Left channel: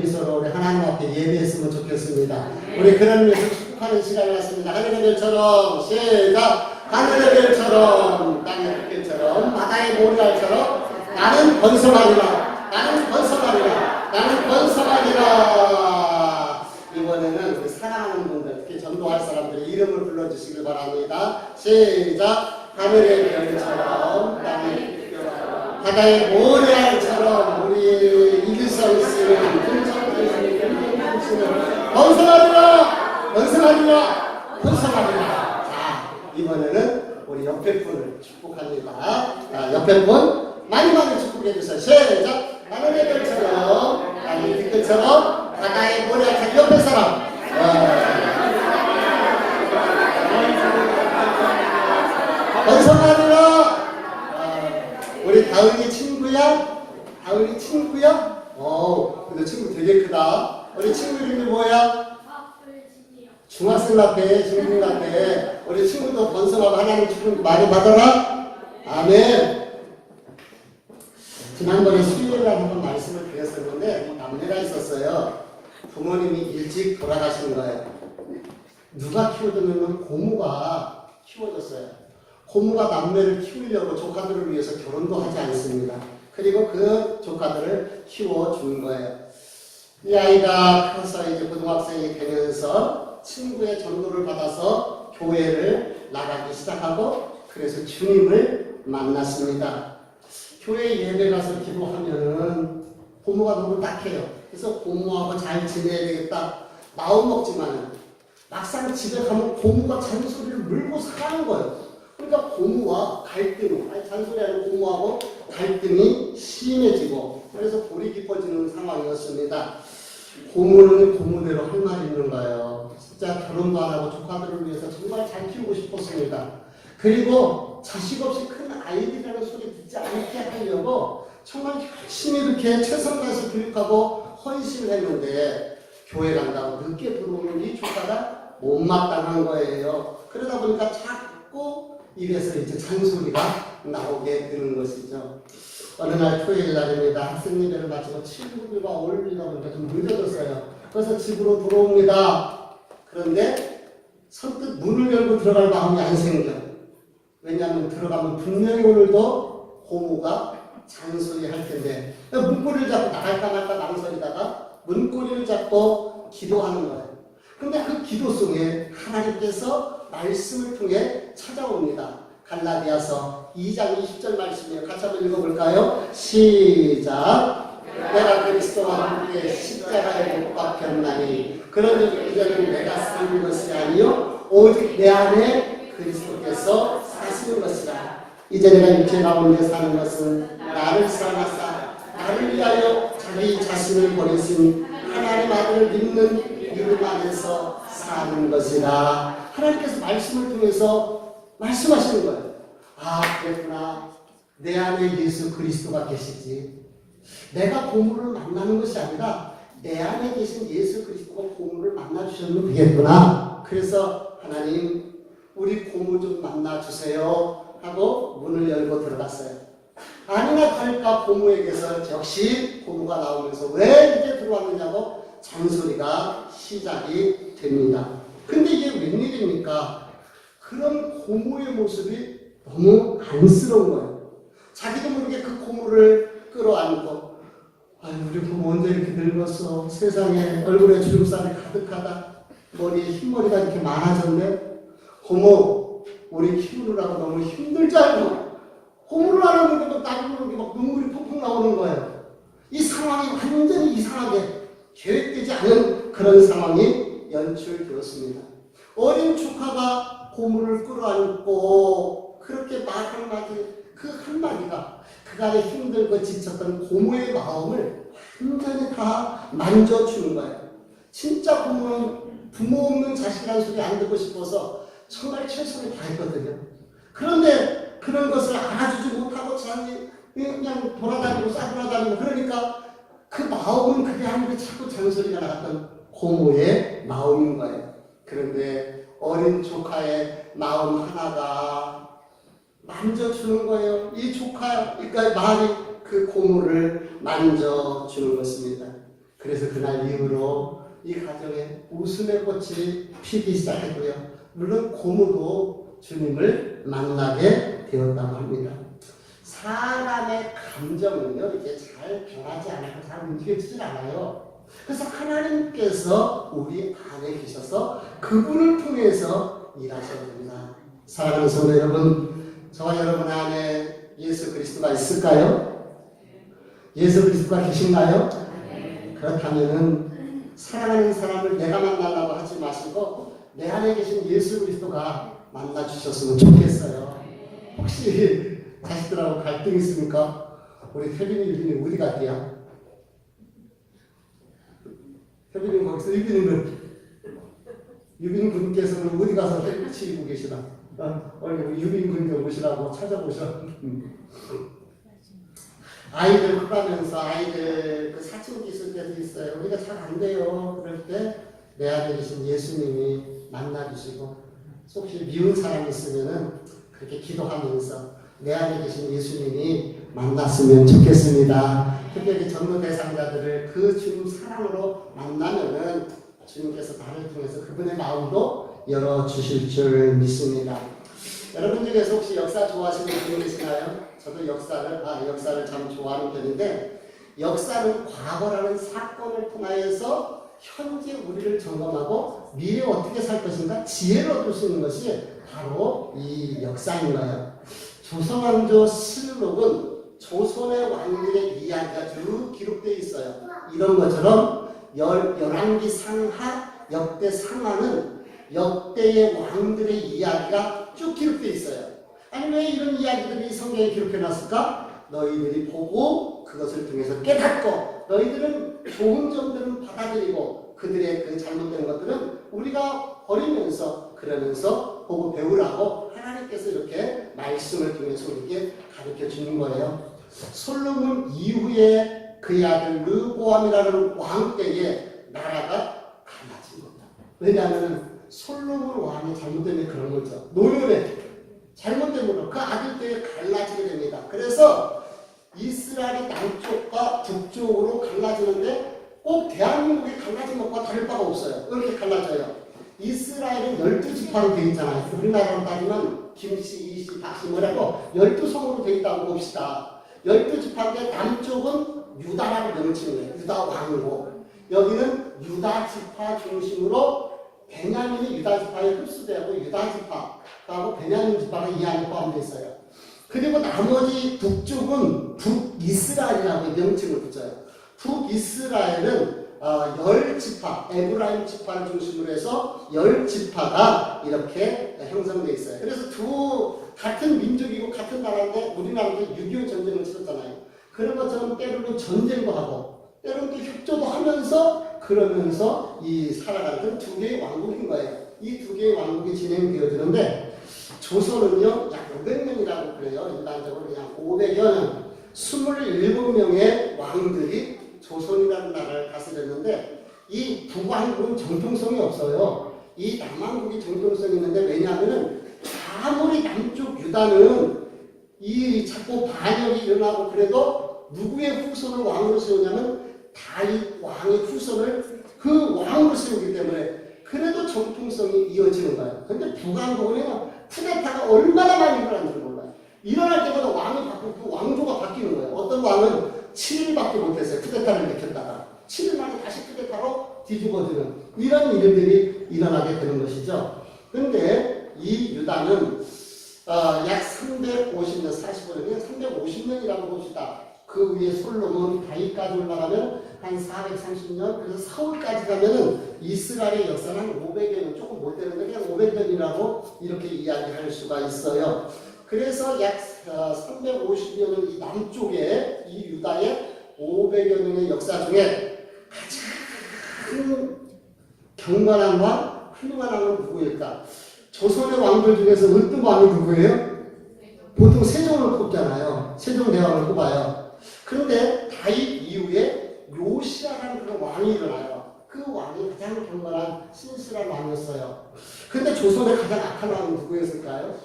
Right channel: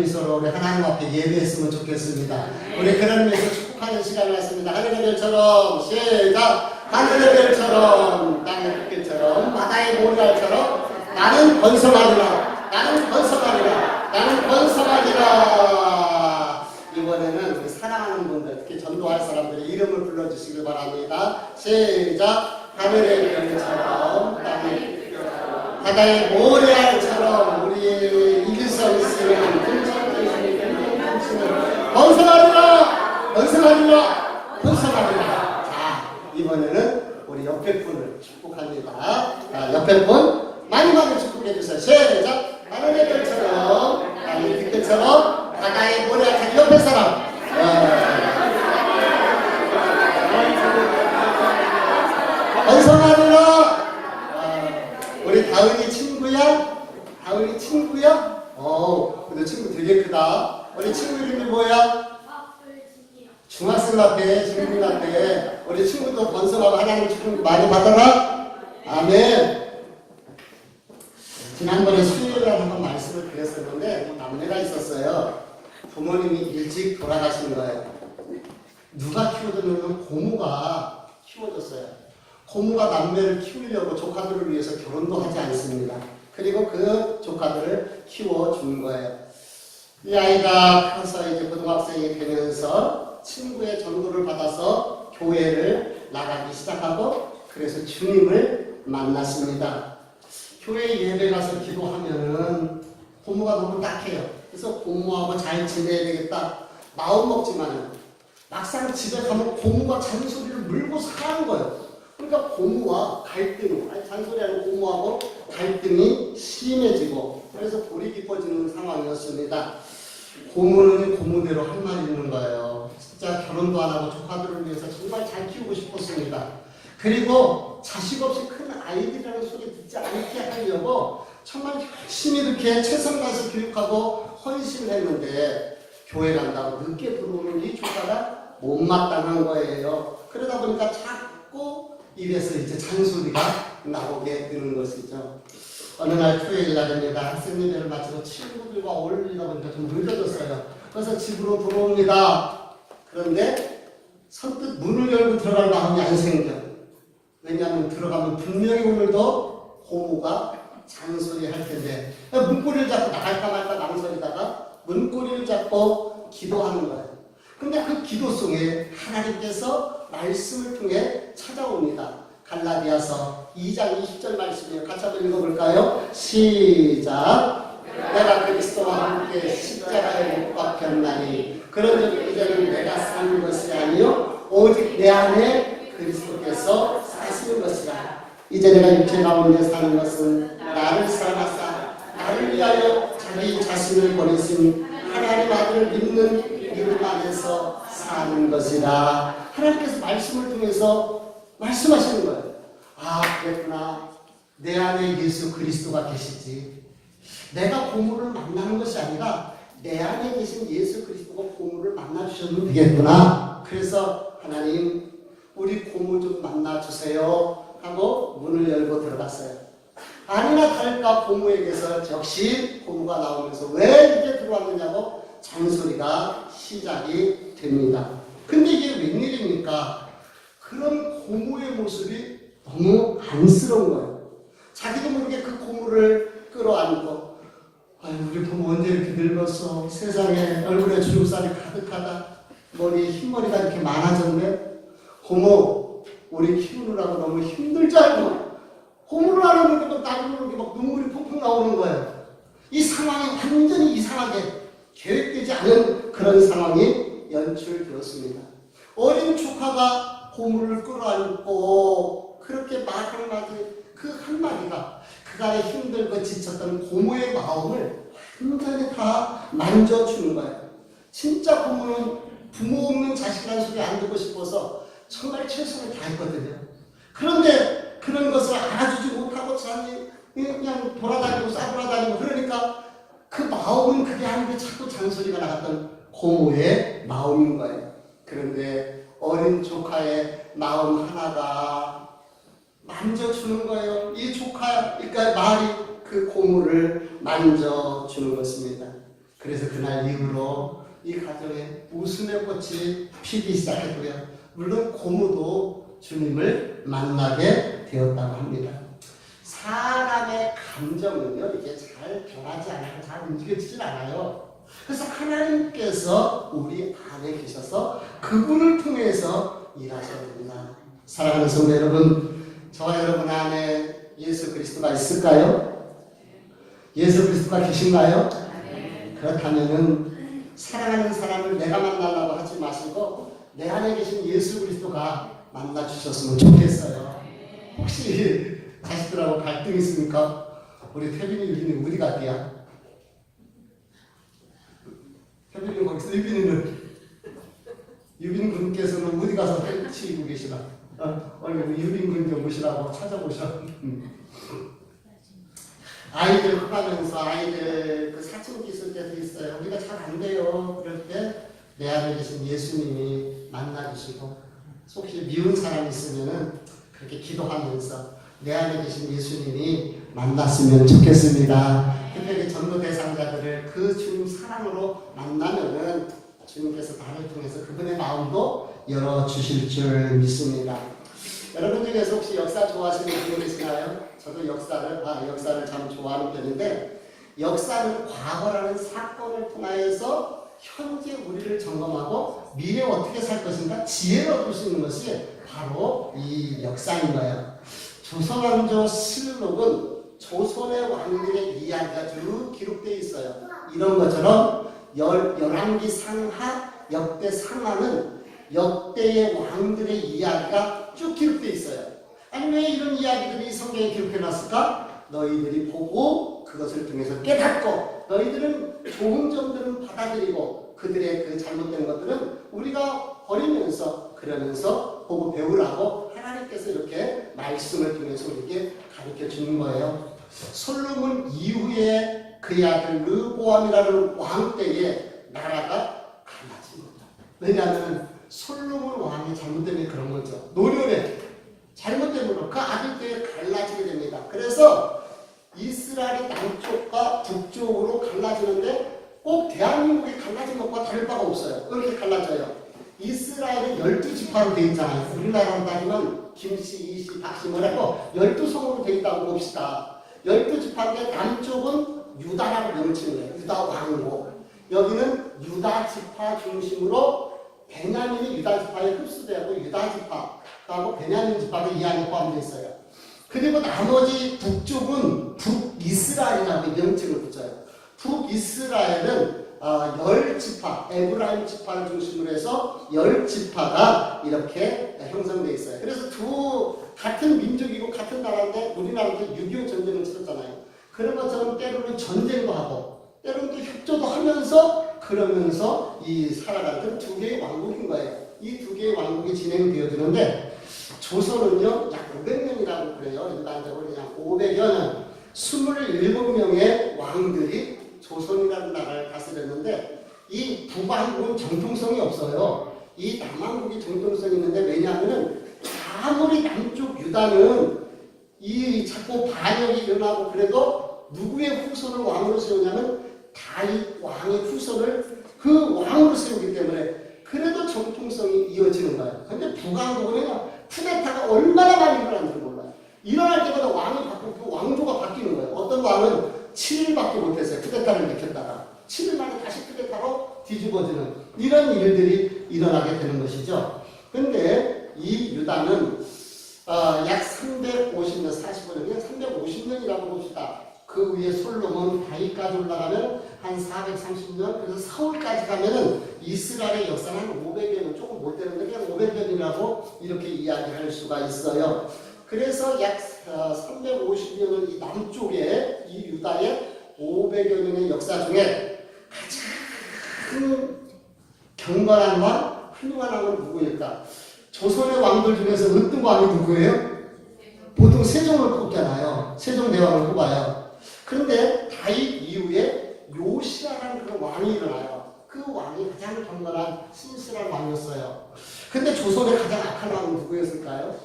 미소로 우리 하나님 앞에 예배했으면 좋겠습니다. 우리 그런 의미에서 축복하는 시간이 왔습니다. 하늘의 별처럼 시작! 하늘의 별처럼 땅의 빛처럼 바다의 모래알처럼 나는 번성하리라. 나는 번성하리라. 나는 번성하리라. 이번에는 우리 사랑하는 분들, 특히 전도할 사람들의 이름을 불러주시길 바랍니다. 시작! 하늘의 별처럼 땅의 빛처럼 바다의 모래알처럼 우리 이길 수 있으면 번성하리라! 번성하리라! 번성하리라! 자, 이번에는 우리 옆에 분을 축복합니다. 자, 옆에 분 많이 축복해 주세요. 시작! 하늘의 별처럼 땅의 빛처럼 바다의 모래알처럼 옆에 사람 번성하리라! 우리 다은이 친구야? 다은이 친구야? 근데 친구 되게 크다. 우리 친구 이름이 뭐야? 중학생 같아, 친구 같아. 우리 친구도 번성하고 하나님 축복 많이 받아라. 아멘. 지난번에 수요일에 한번 말씀을 드렸었는데 남매가 있었어요. 부모님이 일찍 돌아가시는 거예요. 누가 키워줬냐면 고모가 키워줬어요. 고모가 남매를 키우려고 조카들을 위해서 결혼도 하지 않습니다. 그리고 그 조카들을 키워준 거예요. 이 아이가 커서 이제 고등학생이 되면서 친구의 전도를 받아서 교회를 나가기 시작하고 그래서 주님을 만났습니다. 교회 예배 가서 기도하면은 고모가 너무 딱해요. 그래서 고모하고 잘 지내야 되겠다 마음 먹지만 막상 집에 가면 고모가 잔소리를 물고 사는 거예요. 그러니까 고모와 갈등이, 잔소리하고 고모하고 갈등이 심해지고 그래서 돌이 깊어지는 상황이었습니다. 고모는 고모대로 할 말이 있는 거예요. 진짜 결혼도 안 하고 조카들을 위해서 정말 잘 키우고 싶었습니다. 그리고 자식 없이 큰 아이들이라는 소리 듣지 않게 하려고 정말 열심히 이렇게 최선 다해서 교육하고 헌신을 했는데 교회 간다고 늦게 들어오는 이 조카가 못마땅한 거예요. 그러다 보니까 자꾸 입에서 이제 잔소리가 나오게 되는 것이죠. 어느 날 토요일 날입니다. 학생 예배를 마치고 친구들과 어울리다 보니까 좀 늦어졌어요. 그래서 집으로 들어옵니다. 그런데 선뜻 문을 열고 들어갈 마음이 안 생겨요. 왜냐하면 들어가면 분명히 오늘도 고모가 잔소리 할 텐데 문고리를 잡고 나갈까 말까 망설이다가 문고리를 잡고 기도하는 거예요. 근데 그 기도 속에 하나님께서 말씀을 통해 찾아옵니다. 갈라디아서 2장 20절 말씀이에요. 같이 한번 읽어볼까요? 시작! 내가 그리스도와 함께 십자가에 못 박혔나니 그런즉 이제는 내가 사는 것이 아니요 오직 내 안에 그리스도께서 사시는 것이라. 이제 내가 육체 가운데 사는 것은 나를 사랑하사 나를 위하여 자기 자신을 버리신 하나님 아들을 믿는 이름 안에서 사는 것이라. 하나님께서 말씀을 통해서 말씀하시는 거예요. 아, 그랬구나. 내 안에 예수 그리스도가 계시지. 내가 고모를 만나는 것이 아니라 내 안에 계신 예수 그리스도가 고모를 만나주셨으면 되겠구나. 그래서 하나님 우리 고모 좀 만나주세요 하고 문을 열고 들어갔어요. 아니나 다를까 고모에게서 역시 고모가 나오면서 왜 이렇게 들어왔느냐고 잔소리가 시작이 됩니다. 근데 이게 웬일입니까? 그런 고모의 모습이 너무 안쓰러운 거예요. 자기도 모르게 그 고모를 끌어안고 우리 고모 언제 이렇게 늙었어. 세상에 얼굴에 주름살이 가득하다. 머리 흰머리가 이렇게 많아졌네. 고모 우리 키우느라고 너무 힘들잖아요. 고모를 알아보니까 나도 모르게 막 눈물이 푹푹 나오는 거예요. 이 상황이 완전히 이상하게 계획되지 않은 그런 상황이 연출되었습니다. 어린 조카가 고모를 끌어안고 그렇게 말 한마디, 그 한마디가 그간에 힘들고 지쳤던 고모의 마음을 완전히 다 만져주는 거예요. 진짜 고모는 부모 없는 자식이라는 소리 안 듣고 싶어서 정말 최선을 다했거든요. 그런데 그런 것을 알아주지 못하고 그냥 돌아다니고 싸돌아다니고 그러니까 그 마음은 그게 아닌데 자꾸 잔소리가 나갔던 고모의 마음인 거예요. 그런데 어린 조카의 마음 하나가 만져주는 거예요. 이 조카, 그러니까 말이 그 고모를 만져주는 것입니다. 그래서 그날 이후로 이 가정에 웃음의 꽃이 피기 시작했고요. 물론 고모도 주님을 만나게 되었다고 합니다. 사람의 감정은요, 이게 잘 변하지 않아요. 잘 움직여지질 않아요. 그래서 하나님께서 우리 안에 계셔서 그분을 통해서 일하셔야 됩니다. 사랑하는 성도 여러분, 저와 여러분 안에 예수 그리스도가 있을까요? 예수 그리스도가 계신가요? 그렇다면은 사랑하는 사람을 내가 만나려고 하지 마시고 내 안에 계신 예수 그리스도가 만나 주셨으면 좋겠어요. 혹시 자식들하고 갈등이 있습니까? 우리 태빈이 유빈이 어디 갈게요? 태빈이는 거기서 유빈 군께서는 어디 가서 치고 계시나? 유빈 군 좀 모시라고 찾아보셔. 아이들 커가면서 아이들 그 사춘기 있을 때도 있어요. 우리가 잘 안 돼요. 그럴 때 내 안에 계신 예수님이 만나주시고 혹시 미운 사람이 있으면은 그렇게 기도하면서 내 안에 계신 예수님이 만났으면 좋겠습니다. 특별히 전도 대상자들을 그 주님 사랑으로 만나면은 주님께서 나를 통해서 그분의 마음도 열어주실 줄 믿습니다. 여러분 중에서 혹시 역사 좋아하시는 분이 계시나요? 저도 역사를 참 좋아하는 편인데, 역사는 과거라는 사건을 통하여서 현재 우리를 점검하고 미래 어떻게 살 것인가 지혜를 얻을 수 있는 것이 바로 이 역사인 거예요. 조선왕조 실록은 조선의 왕들의 이야기가 쭉 기록되어 있어요. 이런 것처럼 열왕기 상하, 역대 상하는 역대의 왕들의 이야기가 쭉 기록되어 있어요. 아니 왜 이런 이야기들이 성경에 기록해놨을까? 너희들이 보고 그것을 통해서 깨닫고 너희들은 좋은 점들은 받아들이고 그들의 그 잘못된 것들은 우리가 버리면서 그러면서 보고 배우라고 하나님께서 이렇게 말씀을 통해서 우리에게 가르쳐 주는 거예요. 솔로몬 이후에 그의 아들 르보암이라는 왕 때에 나라가 갈라진 거죠. 왜냐하면 솔로몬 왕이 잘못 때문에 그런 거죠. 노년에 잘못됨으로 그 아들 때에 갈라지게 됩니다. 그래서 이스라엘이 남쪽과 북쪽으로 갈라지는데 꼭 대한민국이 갈라진 것과 다를 바가 없어요. 그렇게 갈라져요. 이스라엘은 12지파로 되어 있잖아요. 우리나라로 따지면 김씨, 이씨, 박씨 뭐라고 12성으로 되어 있다고 봅시다. 12지파인데 남쪽은 유다라고 명칭을 해요. 유다 왕이고 여기는 유다 지파 중심으로 베냐민이 유다 지파에 흡수되고 유다 지파하고 베냐민 지파가 이 안에 포함되어 있어요. 그리고 나머지 북쪽은 북이스라엘이라고 명칭을 붙여요. 북이스라엘은 10지파, 에브라임 지파를 중심으로 해서 10지파가 이렇게 형성되어 있어요. 그래서 같은 민족이고 같은 나라인데 우리나라도 6.25 전쟁을 치렀잖아요. 그런 것처럼 때로는 전쟁도 하고 때로는 또 협조도 하면서 그러면서 이 살아가는 그런 두 개의 왕국인 거예요. 이 두 개의 왕국이 진행되어지는데 조선은요 약 500년이라고 그래요. 일반적으로 그냥 500여 년 27명의 왕들이 조선이라는 나라를 다스렸는데 이 북왕국은 정통성이 없어요. 이 남왕국이 정통성이 있는데 왜냐하면 아무리 남쪽 유다는 이 자꾸 반역이 일어나고 그래도 누구의 후손을 왕으로 세우냐면 다윗 왕의 후손을 그 왕으로 세우기 때문에 그래도 정통성이 이어지는 거예요. 근데 북왕국은요 쿠데타가 얼마나 많이 일어났는지 몰라요. 일어날 때마다 왕이 바뀌고 그 왕조가 바뀌는 거예요. 어떤 왕은 7일밖에 못했어요. 쿠데타를 일으켰다가 7일 만에 다시 쿠데타로 뒤집어지는 이런 일들이 일어나게 되는 것이죠. 근데 이 유다는 약 350년, 45년, 350년이라고 봅시다. 그 위에 솔로몬 다윗까지 올라가면 한 430년, 그래서 사울까지 가면은 이스라엘의 역사는 한 500년, 조금 못 되는데 그냥 500년이라고 이렇게 이야기할 수가 있어요. 그래서 약 350여 년 이 남쪽에 이 유다의 500여 년의 역사 중에 가장 경건한 왕, 훌륭한 왕은 누구일까? 조선의 왕들 중에서 어떤 왕이 누구예요? 보통 세종을 뽑잖아요. 세종대왕을 뽑아요. 그런데 다윗 이후에 요시아라는 그런 왕이 일어나요. 그 왕이 가장 경건한 신실한 왕이었어요. 근데 조선의 가장 악한 왕은 누구였을까요?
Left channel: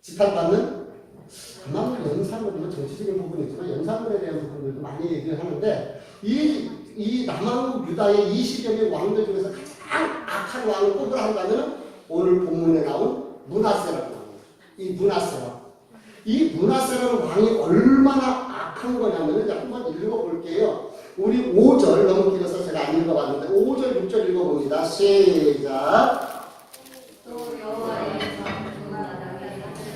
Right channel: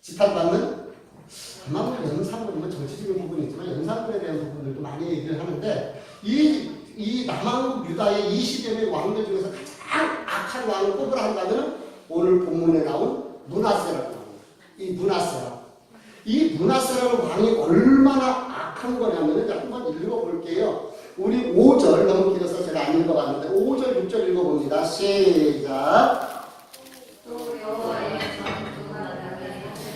지탄받는 아마 연산군, 정치적인 부분이 있지만 연산군에 대한 부분들도 많이 얘기를 하는데 이 이 남한국 유다의 20여 명 왕들 중에서 가장 악한 왕을 뽑으라 한다면 오늘 본문에 나온 므낫세라고 합니다. 이 므낫세라. 이 므낫세라는 왕이 얼마나 악한 거냐면은 한번 읽어볼게요. 우리 5절 너무 길어서 제가 안 읽어봤는데 5절 6절 읽어봅니다. 시작.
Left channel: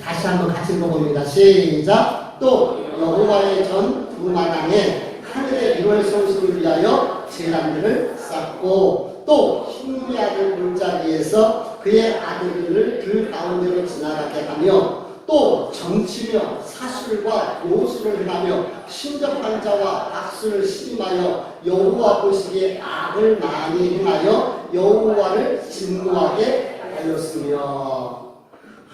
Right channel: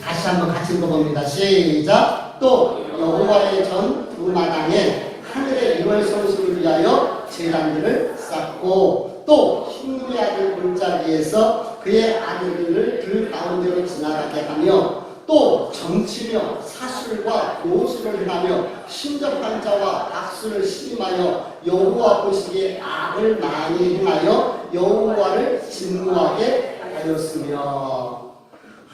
다시 한번 같이 읽어봅니다. 시작. 또 여호와의 전 두마당에 하늘의 이월 성신을 위하여 제단들을 쌓고 또 흰눈의 아들 골짜기에서 그의 아들들을 그 가운데로 지나가게 하며 또 정치며 사술과 요술을 행하며 신접한 자와 박수를 심하여 여호와 보시기에 악을 많이 행하여 여호와를 진노하게 하였으며.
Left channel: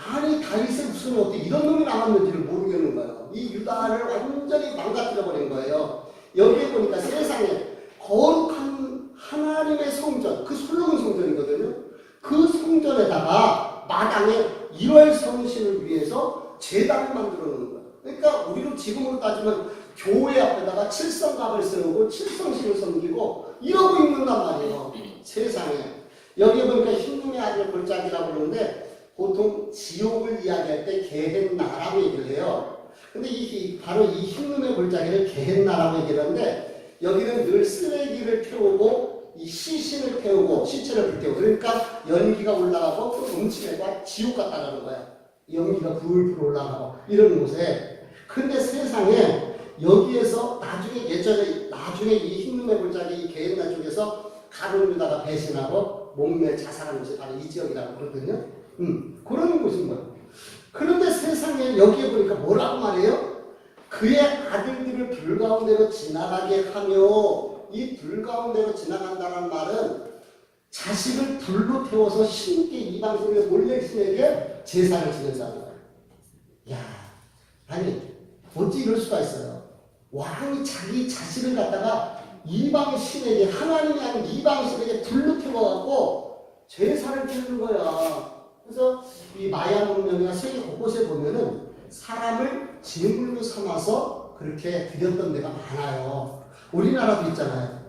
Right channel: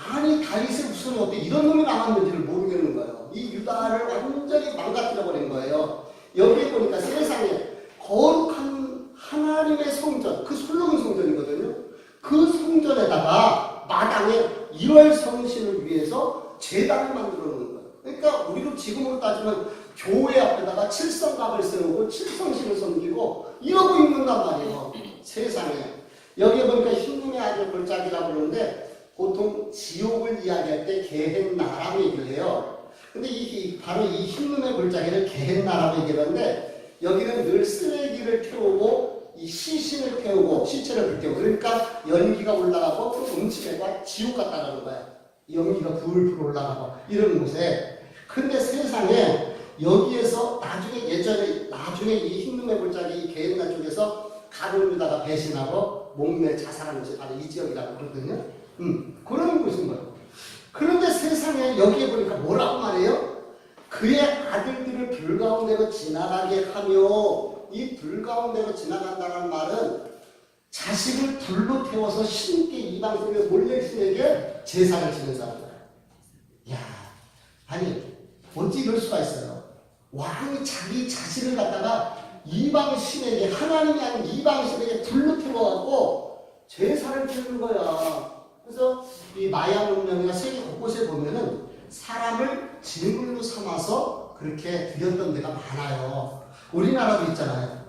아니 다윗은 무슨 어떻게 이런 놈이 나왔는지를 모르겠는 거예요. 이 유다를 완전히 망가뜨려 버린 거예요. 여기에 보니까 세상에 거룩한 하나님의 성전, 그 솔로몬 성전이거든요. 그 성전에다가 마당에 1월 성신을 위해서 제단을 만들어 놓는 거예요. 그러니까 우리로 지금으로 따지면 교회 앞에다가 칠성각을 세우고 칠성신을 섬기고 이러고 있는단 말이에요. 세상에. 여기에 보니까 흰눈의 아들 골짜기라고 그러는데 보통 지옥을 이야기할 때 게헨나라고 얘기를 해요. 근데 바로 이 흰눈의 골짜기를 게헨나라고 얘기를 하는데 여기는 늘 쓰레기를 태우고 이 시신을 태우고 시체를 불태우고 그러니까 연기가 올라가고 그 음침해가 지옥 같다는 거야. 연기가 불불 올라가고 이런 곳에. 근데 세상에 여기에서 나중에 이 흰눈의 골짜기 게헨나 쪽에서 가룟 유다가 배신하고 목매 자살한 곳이 바로 이 지역이라고 그러거든요. 그런 곳인 거예요. 그런데 세상에 여기에 보니까 뭐라고 말해요? 그의 아들들을 불 가운데로 지나가게 하며, 이 불 가운데로 지나간다는 말은 자식을 불로 태워서 신께 이방신에게 몰래 신에게 제사를 지낸다는 거예요. 야, 아니 어찌 이럴 수가 있어요? 왕이 자기 자식을 갖다가 이방 신에게, 하나님이 아닌 이방 신에게 불로 태워갖고 제사를 지는 거야. 그래서 이 마야 문명이나 세계 곳곳에 보면은 사람을 제물로 삼아서 그렇게 드렸던 데가 많아요. 우리나라도 있잖아요.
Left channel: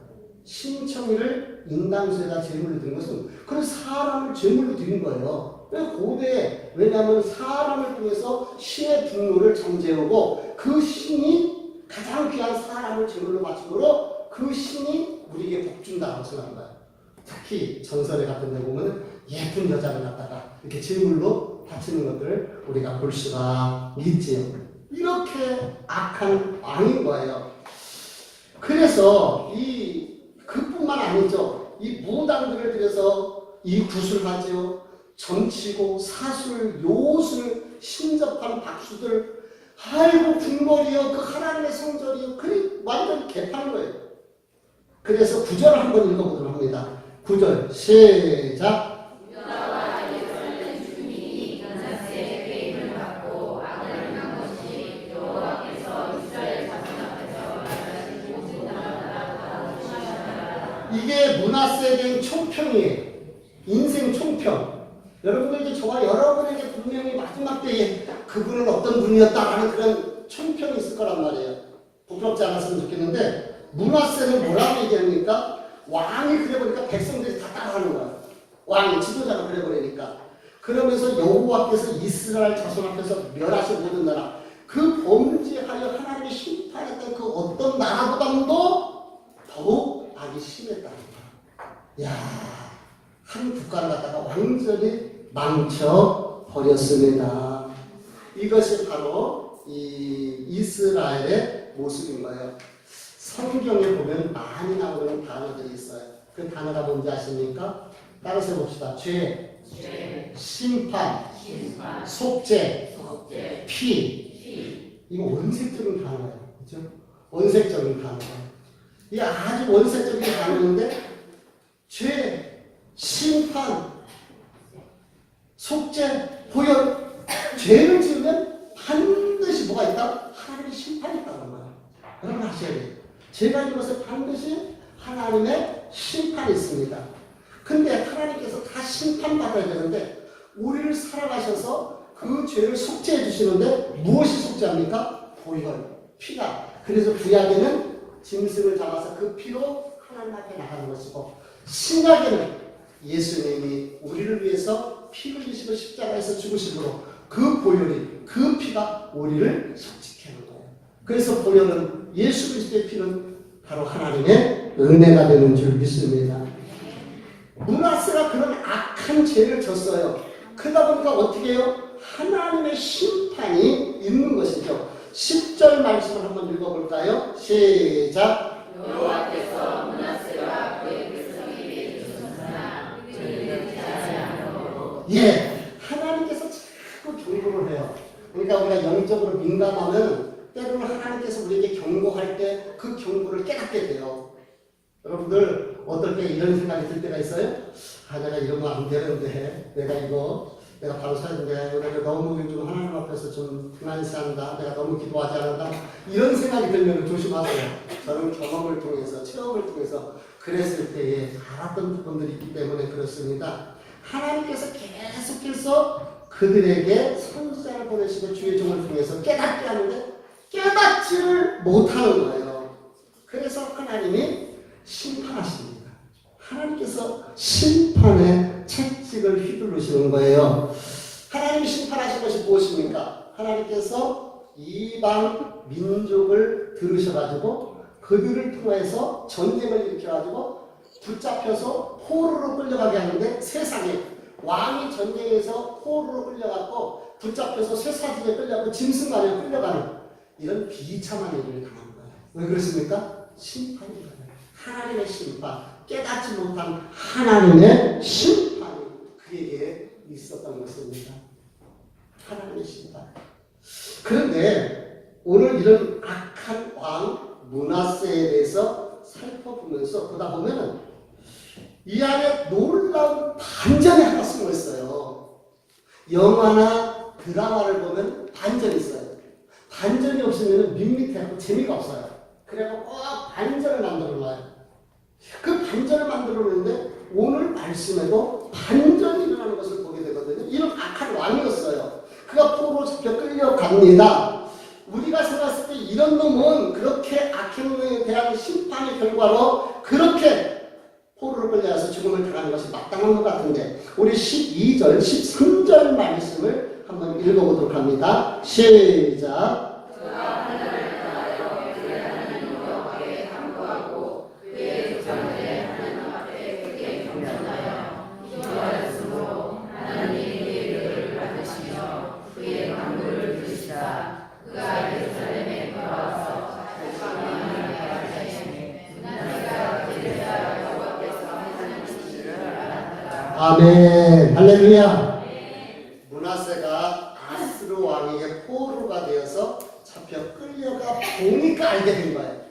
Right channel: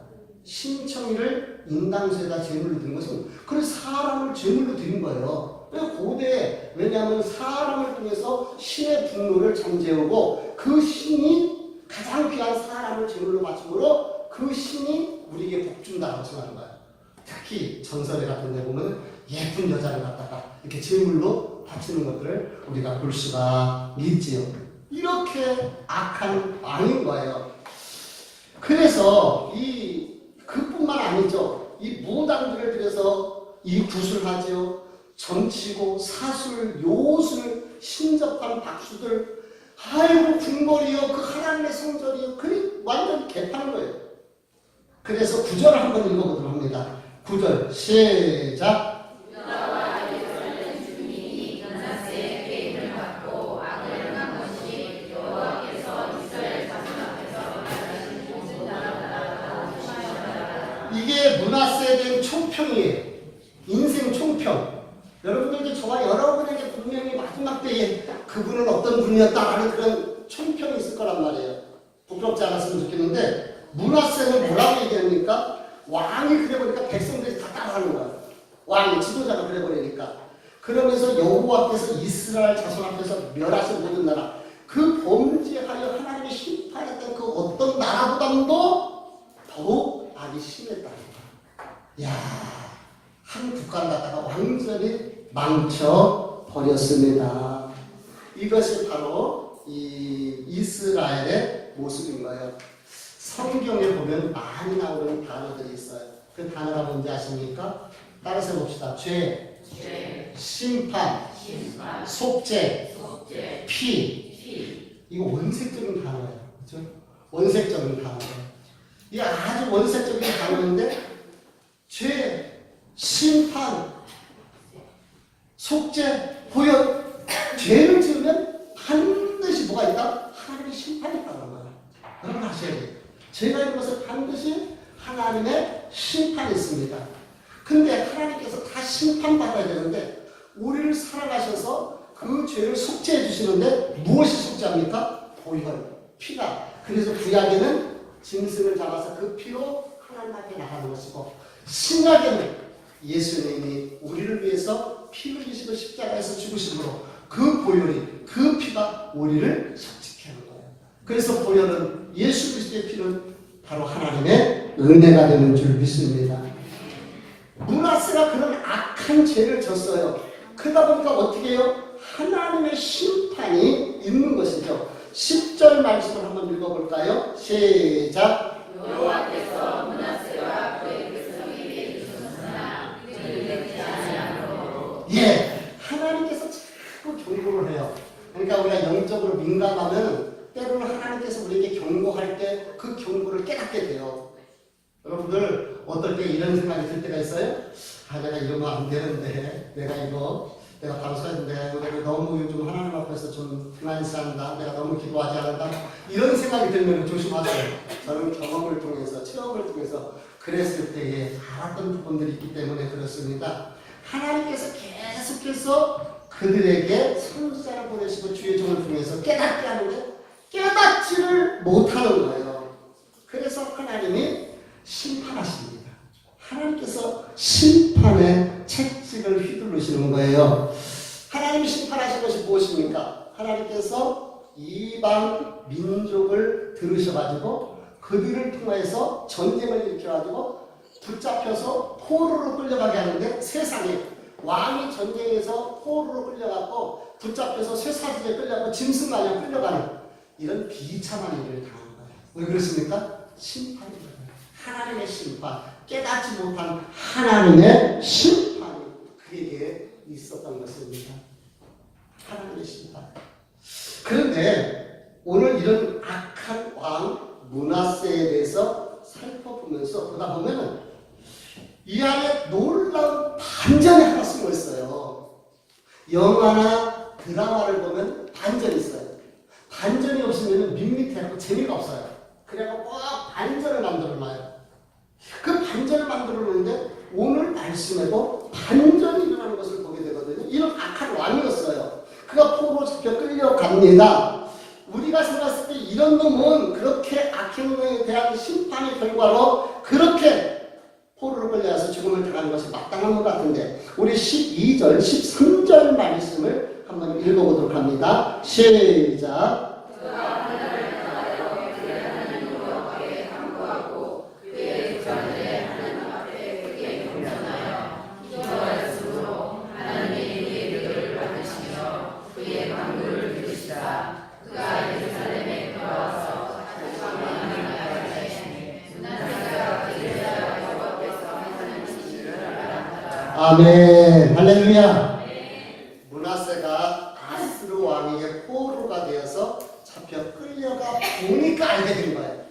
신청이를 인당수에다 제물로 드린 것은 그런 사람을 제물로 드린 거예요. 고대에, 왜냐하면 사람을 통해서 신의 분노를 잠재우고 그 신이 가장 귀한 사람을 제물로 바치므로 그 신이 우리에게 복준다고 생각하는 거예요. 특히 전설에 같은 데 보면 예쁜 여자를 갖다가 이렇게 제물로 바치는 것들을 우리가 볼 수가 있지요. 이렇게 악한 왕인 거예요. 그래서 그뿐만 아니죠. 이 무당들을 들여서 이 구술하죠. 정치고 사술, 요술, 신접한 박수들, 아이고 궁궐이요, 그 하나님의 성전이요, 그게 완전히 개판 거예요. 그래서 9절을 한번 읽어보도록 합니다. 9절 시작. 이게 므낫세에 대한 총평이에요. 인생 총평. 여러분들께 저와 여러분에게 분명히 마지막 때에 그분은 어떤 분이었다라는 그런 총평이 있을 거란 말이에요. 부끄럽지 않았으면 좋겠는데 므낫세는 뭐라고 얘기합니까? 왕이 그래버리니까 백성들이 다 따라하는 거야. 왕이 지도자가 그래버리니까. 그러면서 여호와께서 이스라엘 자손 앞에서 멸하신 모든 나라, 그 범죄하여 하나님의 심판했던 그 어떤 나라보다도 더욱 악이 심했다는 거야. 야, 한 국가를 갖다가 완전히 망쳐버렸습니다. 이것이 바로 이 이스라엘의 모습인 거예요. 성경에 보면 많이 나오는 단어들이 있어요. 그 단어가 뭔지 아십니까? 따라서 봅시다. 죄, 심판, 속죄, 피. 이거 원색적인 단어예요. 그렇죠? 원색적인 단어예요. 이게 아주 원색적인 단어인데 죄, 심판, 속죄, 보혈. 죄를 지으면 반드시 뭐가 있다? 하나님의 심판이 있다는 거예요. 여러분 아셔야 돼요. 죄가 있는 것은 반드시 하나님의 심판이 있습니다. 근데 하나님께서 다 심판받아야 되는데 우리를 사랑하셔서 그 죄를 속죄해 주시는데 무엇이 속죄합니까? 보혈, 피가. 그래서 구약에는 짐승을 잡아서 그 피로 하나님 앞에 나가는 것이고, 신약에는 예수님이 우리를 위해서 피 흘리시고 십자가에서 죽으심으로 그 보혈이, 그 피가 우리를 속죄케 하는 거예요. 그래서 보혈은, 예수 그리스도의 피는 바로 하나님의 은혜가 되는 줄 믿습니다. 므낫세가 그런 악한 죄를 졌어요. 그러다 보니까 어떻게 해요? 하나님의 심판이 있는 것이죠. 10절 말씀을 한번 읽어볼까요? 시작. 여호와께서 므낫세와 그의 백성에게 주셨으나 그들은 듣지 아니하므로. 예, 하나님께서 자꾸 경고를 해요. 그러니까 우리가 영적으로 민감하면 때로는 하나님께서 우리에게 경고할 때 그 경고를 깨닫게 돼요. 여러분들 어떨 때 이런 생각이 들 때가 있어요? 아, 내가 이러면 안 되는데, 내가 방송했는데 내가 너무 요즘 하나님 앞에서 좀 등한시한다, 내가 너무 기도하지 않았다, 이런 생각이 들면 조심하세요. 저는 경험을 통해서, 체험을 통해서 그랬을 때에 알았던 부분들이 있기 때문에 그렇습니다. 하나님께서 계속해서 그들에게 선지자를 보내시고 주의 종을 통해서 깨닫게 하는데 깨닫지를 못하는 거예요. 그래서 하나님이 심판하십니다. 하나님께서 심판의 채찍을 휘두르시는 거예요. 하나님이 심판하신 것이 무엇입니까? 하나님께서 이방 민족을 들으셔가지고 그들을 통해서 전쟁을 일으켜가지고 붙잡혀서 포로로 끌려가게 하는데, 세상에 왕이 전쟁에서 포로로 끌려가고 붙잡혀서 쇠사지에 끌려가고 짐승마냥 끌려가는 이런 비참한 일을 당한 거예요. 왜 그렇습니까? 심판입니다. 하나님의 심판, 깨닫지 못한 하나님의 심판이 그에게 있었던 것입니다. 하나님의 심판. 그런데 오늘 이런 악한 왕 므낫세에 대해서 살펴보면서 보다 보면 이 안에 놀라운 반전이 하나 숨어 있어요. 영화나 드라마를 보면 반전이 있어요. 반전이 없으면 밋밋하고 재미가 없어요. 그래서 꼭 반전을 만들어 놔요. 그 반전을 만들어 놓는데 오늘 말씀에도 반전이 일어나는 것을 보게 되거든요. 이런 악한 왕이었어요. 그가 포로로 잡혀 끌려갑니다. 우리가 생각했을 때 이런 놈은 그렇게 악한 놈에 대한 심판의 결과로 그렇게 포로로 끌려가서 죽음을 당하는 것이 마땅한 것 같은데, 우리 12절, 13절 말씀을 한번 읽어보도록 합니다. 시작. 아멘. 할렐루야. 므낫세가 아스루 왕에게 포로가 되어서 잡혀 끌려가 보니까 알게 된 거예요.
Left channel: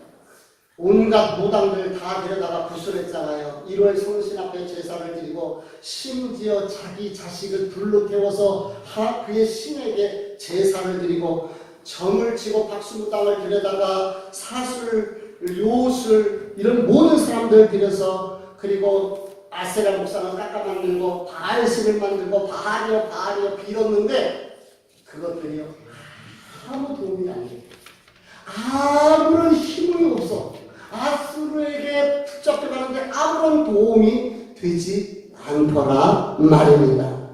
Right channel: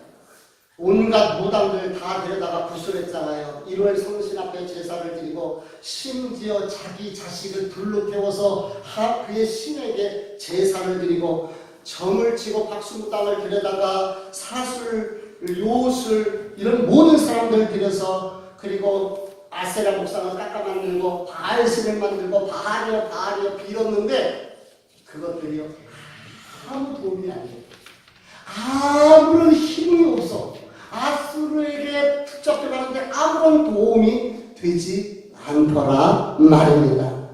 온갖 무당들 다 데려다가 구술했잖아요. 1월 성신 앞에 제사를 드리고 심지어 자기 자식을 불로 태워서 그의 신에게 제사를 드리고 점을 치고 박수무당을 데려다가 사술, 요술 이런 모든 사람들 들여서, 그리고 아세라 목상을 깎아 만들고 바알신을 만들고 바알이여 빌었는데 그것들이 아무 도움이 안 돼요. 아무런 힘이 없어. 아수르에게 붙잡혀가는데 아무런 도움이 되지 않더라 말입니다.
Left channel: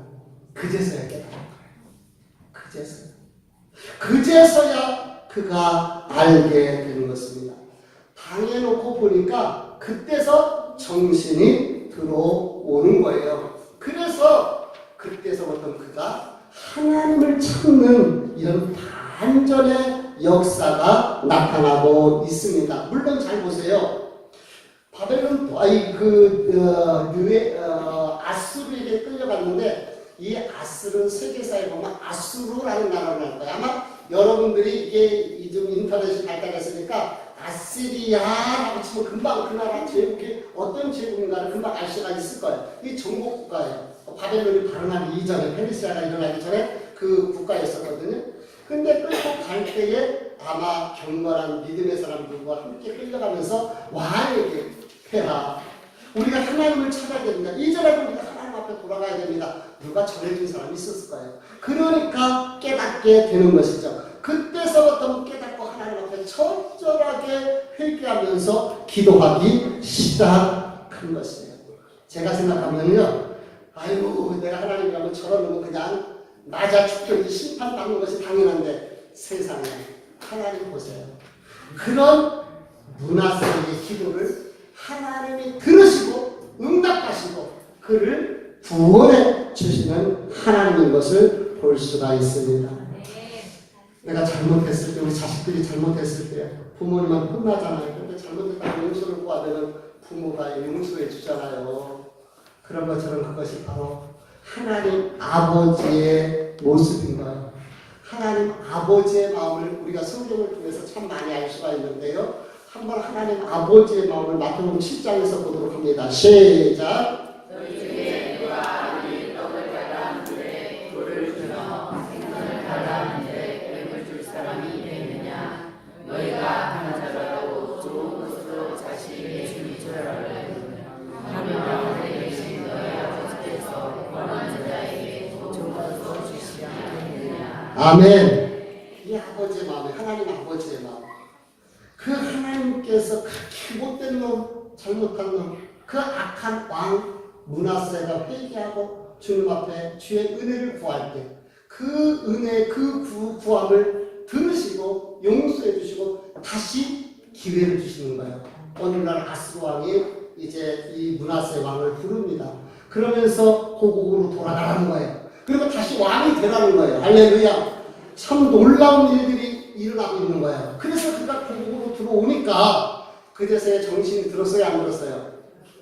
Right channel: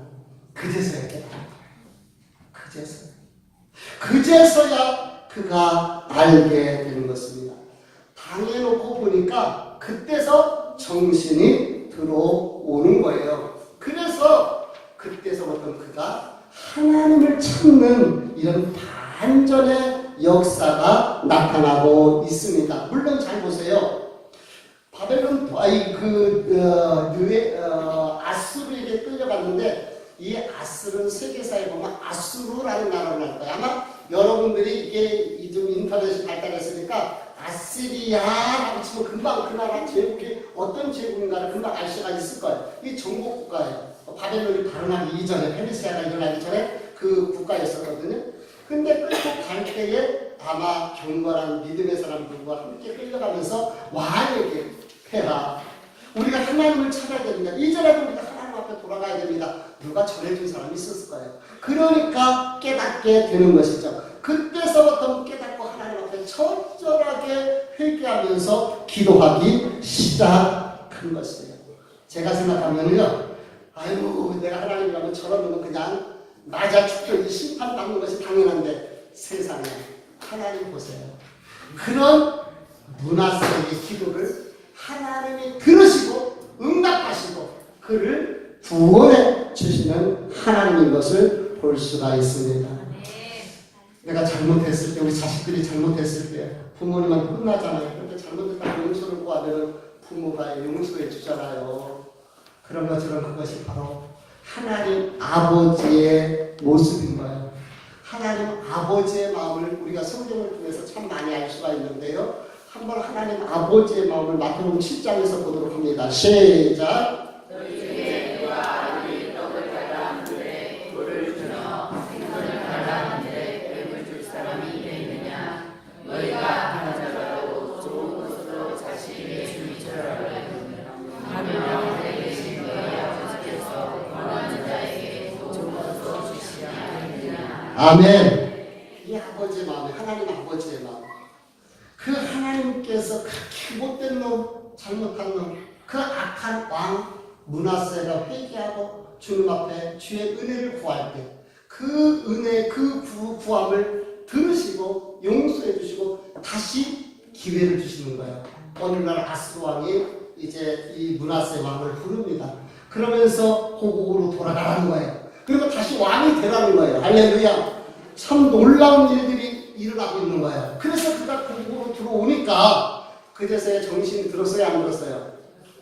그제서야 깨달은 거예요. 그제서야 그가 알게 되는 것입니다. 당해놓고 보니까 그때서 정신이 들어오는 거예요. 그래서 그때서부터 그가 하나님을 찾는 이런 반전의 역사가 나타나고 있습니다. 물론 잘 보세요. 바벨론 아수르에게 끌려갔는데 이 아수르는 세계사에 보면 아수르라는 나라를 할 거예요. 아마 여러분들이 이게 좀 인터넷이 발달했으니까 아시리아라고 치면 금방 그 나라 제국이 어떤 제국인가를 금방 알 수가 있을 거예요. 이 정복 국가예요. 바벨론이 발언하기 이전에, 페르시아가 일어나기 전에 그 국가였었거든요. 근데 끌고 갈 때에 아마 경건한 믿음의 사람들과 함께 끌려가면서 왕에게 폐하, 우리가 하나님을 찾아야 됩니다. 이전에 우리가 하나님 앞에 돌아가야 됩니다. 누가 전해준 사람이 있었을 거예요. 그러니까 깨닫게 되는 것이죠. 그때서부터 깨닫고 하나님 앞에 철저하게 회개하면서 기도하기 시작한 것이에요. 제가 생각하면요, 아이고 내가 하나님이라면 저런 거 그냥 낮아 죽든지 심판받는 것이 당연한데 세상에 하나님 보세요. 그런 므낫세의 기도를 하나님이 들으시고 응답하시고 그를 구원해 주시는 하나님인 것을 볼 수가 있습니다. 내가 잘못했을 때, 우리 자식들이 잘못했을 때 부모님은 혼나잖아요. 근데 잘못했다 용서를 구하면 부모가 용서해 주잖아요. 그런 것처럼 그것이 바로 하나님 아버지의 모습인 거예요. 하나님 아버지의 마음을 우리가 성경을 통해서 참 많이 알 수가 있는데요. 한번 하나님 아버지의 마음을 마태복음 7장에서 보도록 합니다. 시작. 아멘. 이 아버지의 마음이 하나님 아버지의 마음. 그 하나님께서 그 못된 놈, 잘못한 놈, 그 악한 왕 므낫세가 회개하고 주님 앞에 주의 은혜를 구할 때 그 은혜, 그 구함을 들으시고 용서해 주시고 다시 기회를 주시는 거예요. 오늘날 아스루 왕이 이제 이 므낫세 왕을 부릅니다. 그러면서 고국으로 돌아가라는 거예요. 그리고 다시 왕이 되라는 거예요. 할렐루야. 참 놀라운 일들이 일어나고 있는 거예요. 그래서 그가 고국으로 들어오니까 그제서야 정신이 들었어요, 안 들었어요?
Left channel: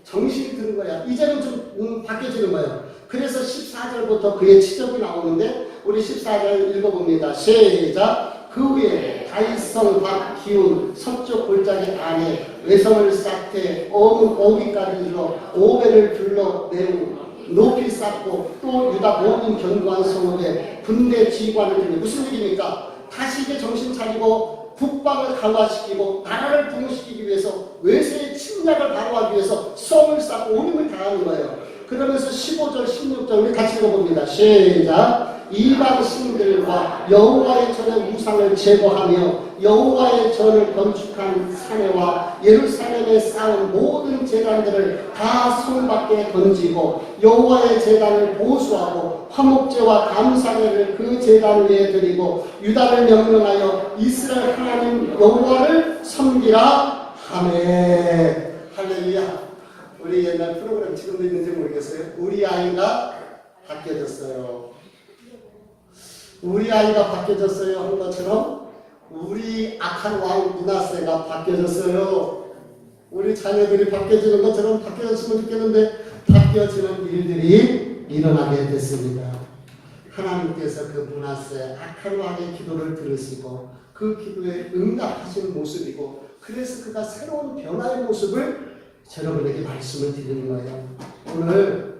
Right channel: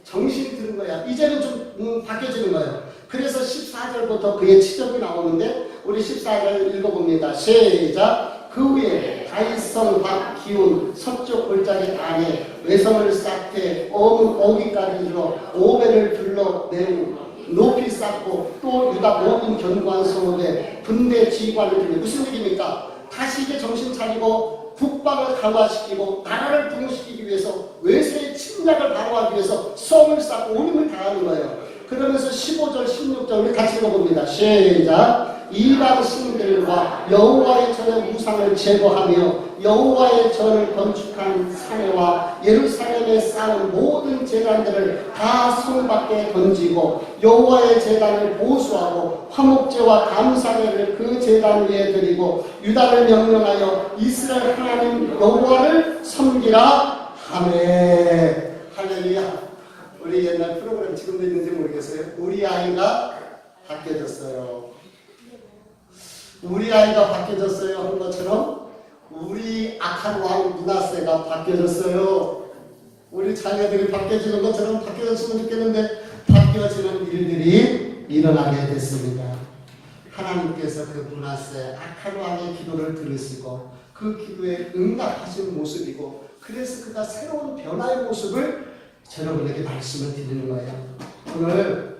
정신이 드는 거야. 이제는 좀 바뀌어지는 거예요. 그래서 14절부터 그의 치적이 나오는데 우리 14절 읽어봅니다. 시작. 그 후에 다윗성 밖 기운 서쪽 골짜기 안에 외성을 쌓되 어문 오기까지 이르러 오벤을 둘러내고 높이 쌓고 또 유다 모든 견고한 성읍에 군대 지휘관을 두니 무슨 얘기입니까? 다시 이제 정신 차리고 국방을 강화시키고 나라를 부흥시키기 위해서 외세의 침략을 방어하기 위해서 성을 쌓고 온 힘을 다하는 거예요. 그러면서 15절 16절을 같이 읽어봅니다. 시작. 이방 신들과 여호와의 전의 우상을 제거하며 여호와의 전을 건축한 사내와 예루살렘에 쌓은 모든 제단들을 다 성 밖에 던지고 여호와의 제단을 보수하고 화목제와 감사제를 그 제단 위에 드리고 유다를 명령하여 이스라엘 하나님 여호와를 섬기라 하매. 할렐루야. 우리 옛날 프로그램 지금도 있는지 모르겠어요. 우리 아이가 바뀌어졌어요. 우리 아이가 바뀌어졌어요 한 것처럼 우리 악한 왕 므낫세가 바뀌어졌어요. 우리 자녀들이 바뀌어지는 것처럼 바뀌어졌으면 좋겠는데 바뀌어지는 일들이 일어나게 됐습니다. 하나님께서 그 므낫세 악한 왕의 기도를 들으시고 그 기도에 응답하신 모습이고 그래서 그가 새로운 변화의 모습을 여러분에게 말씀을 드리는 거예요. 오늘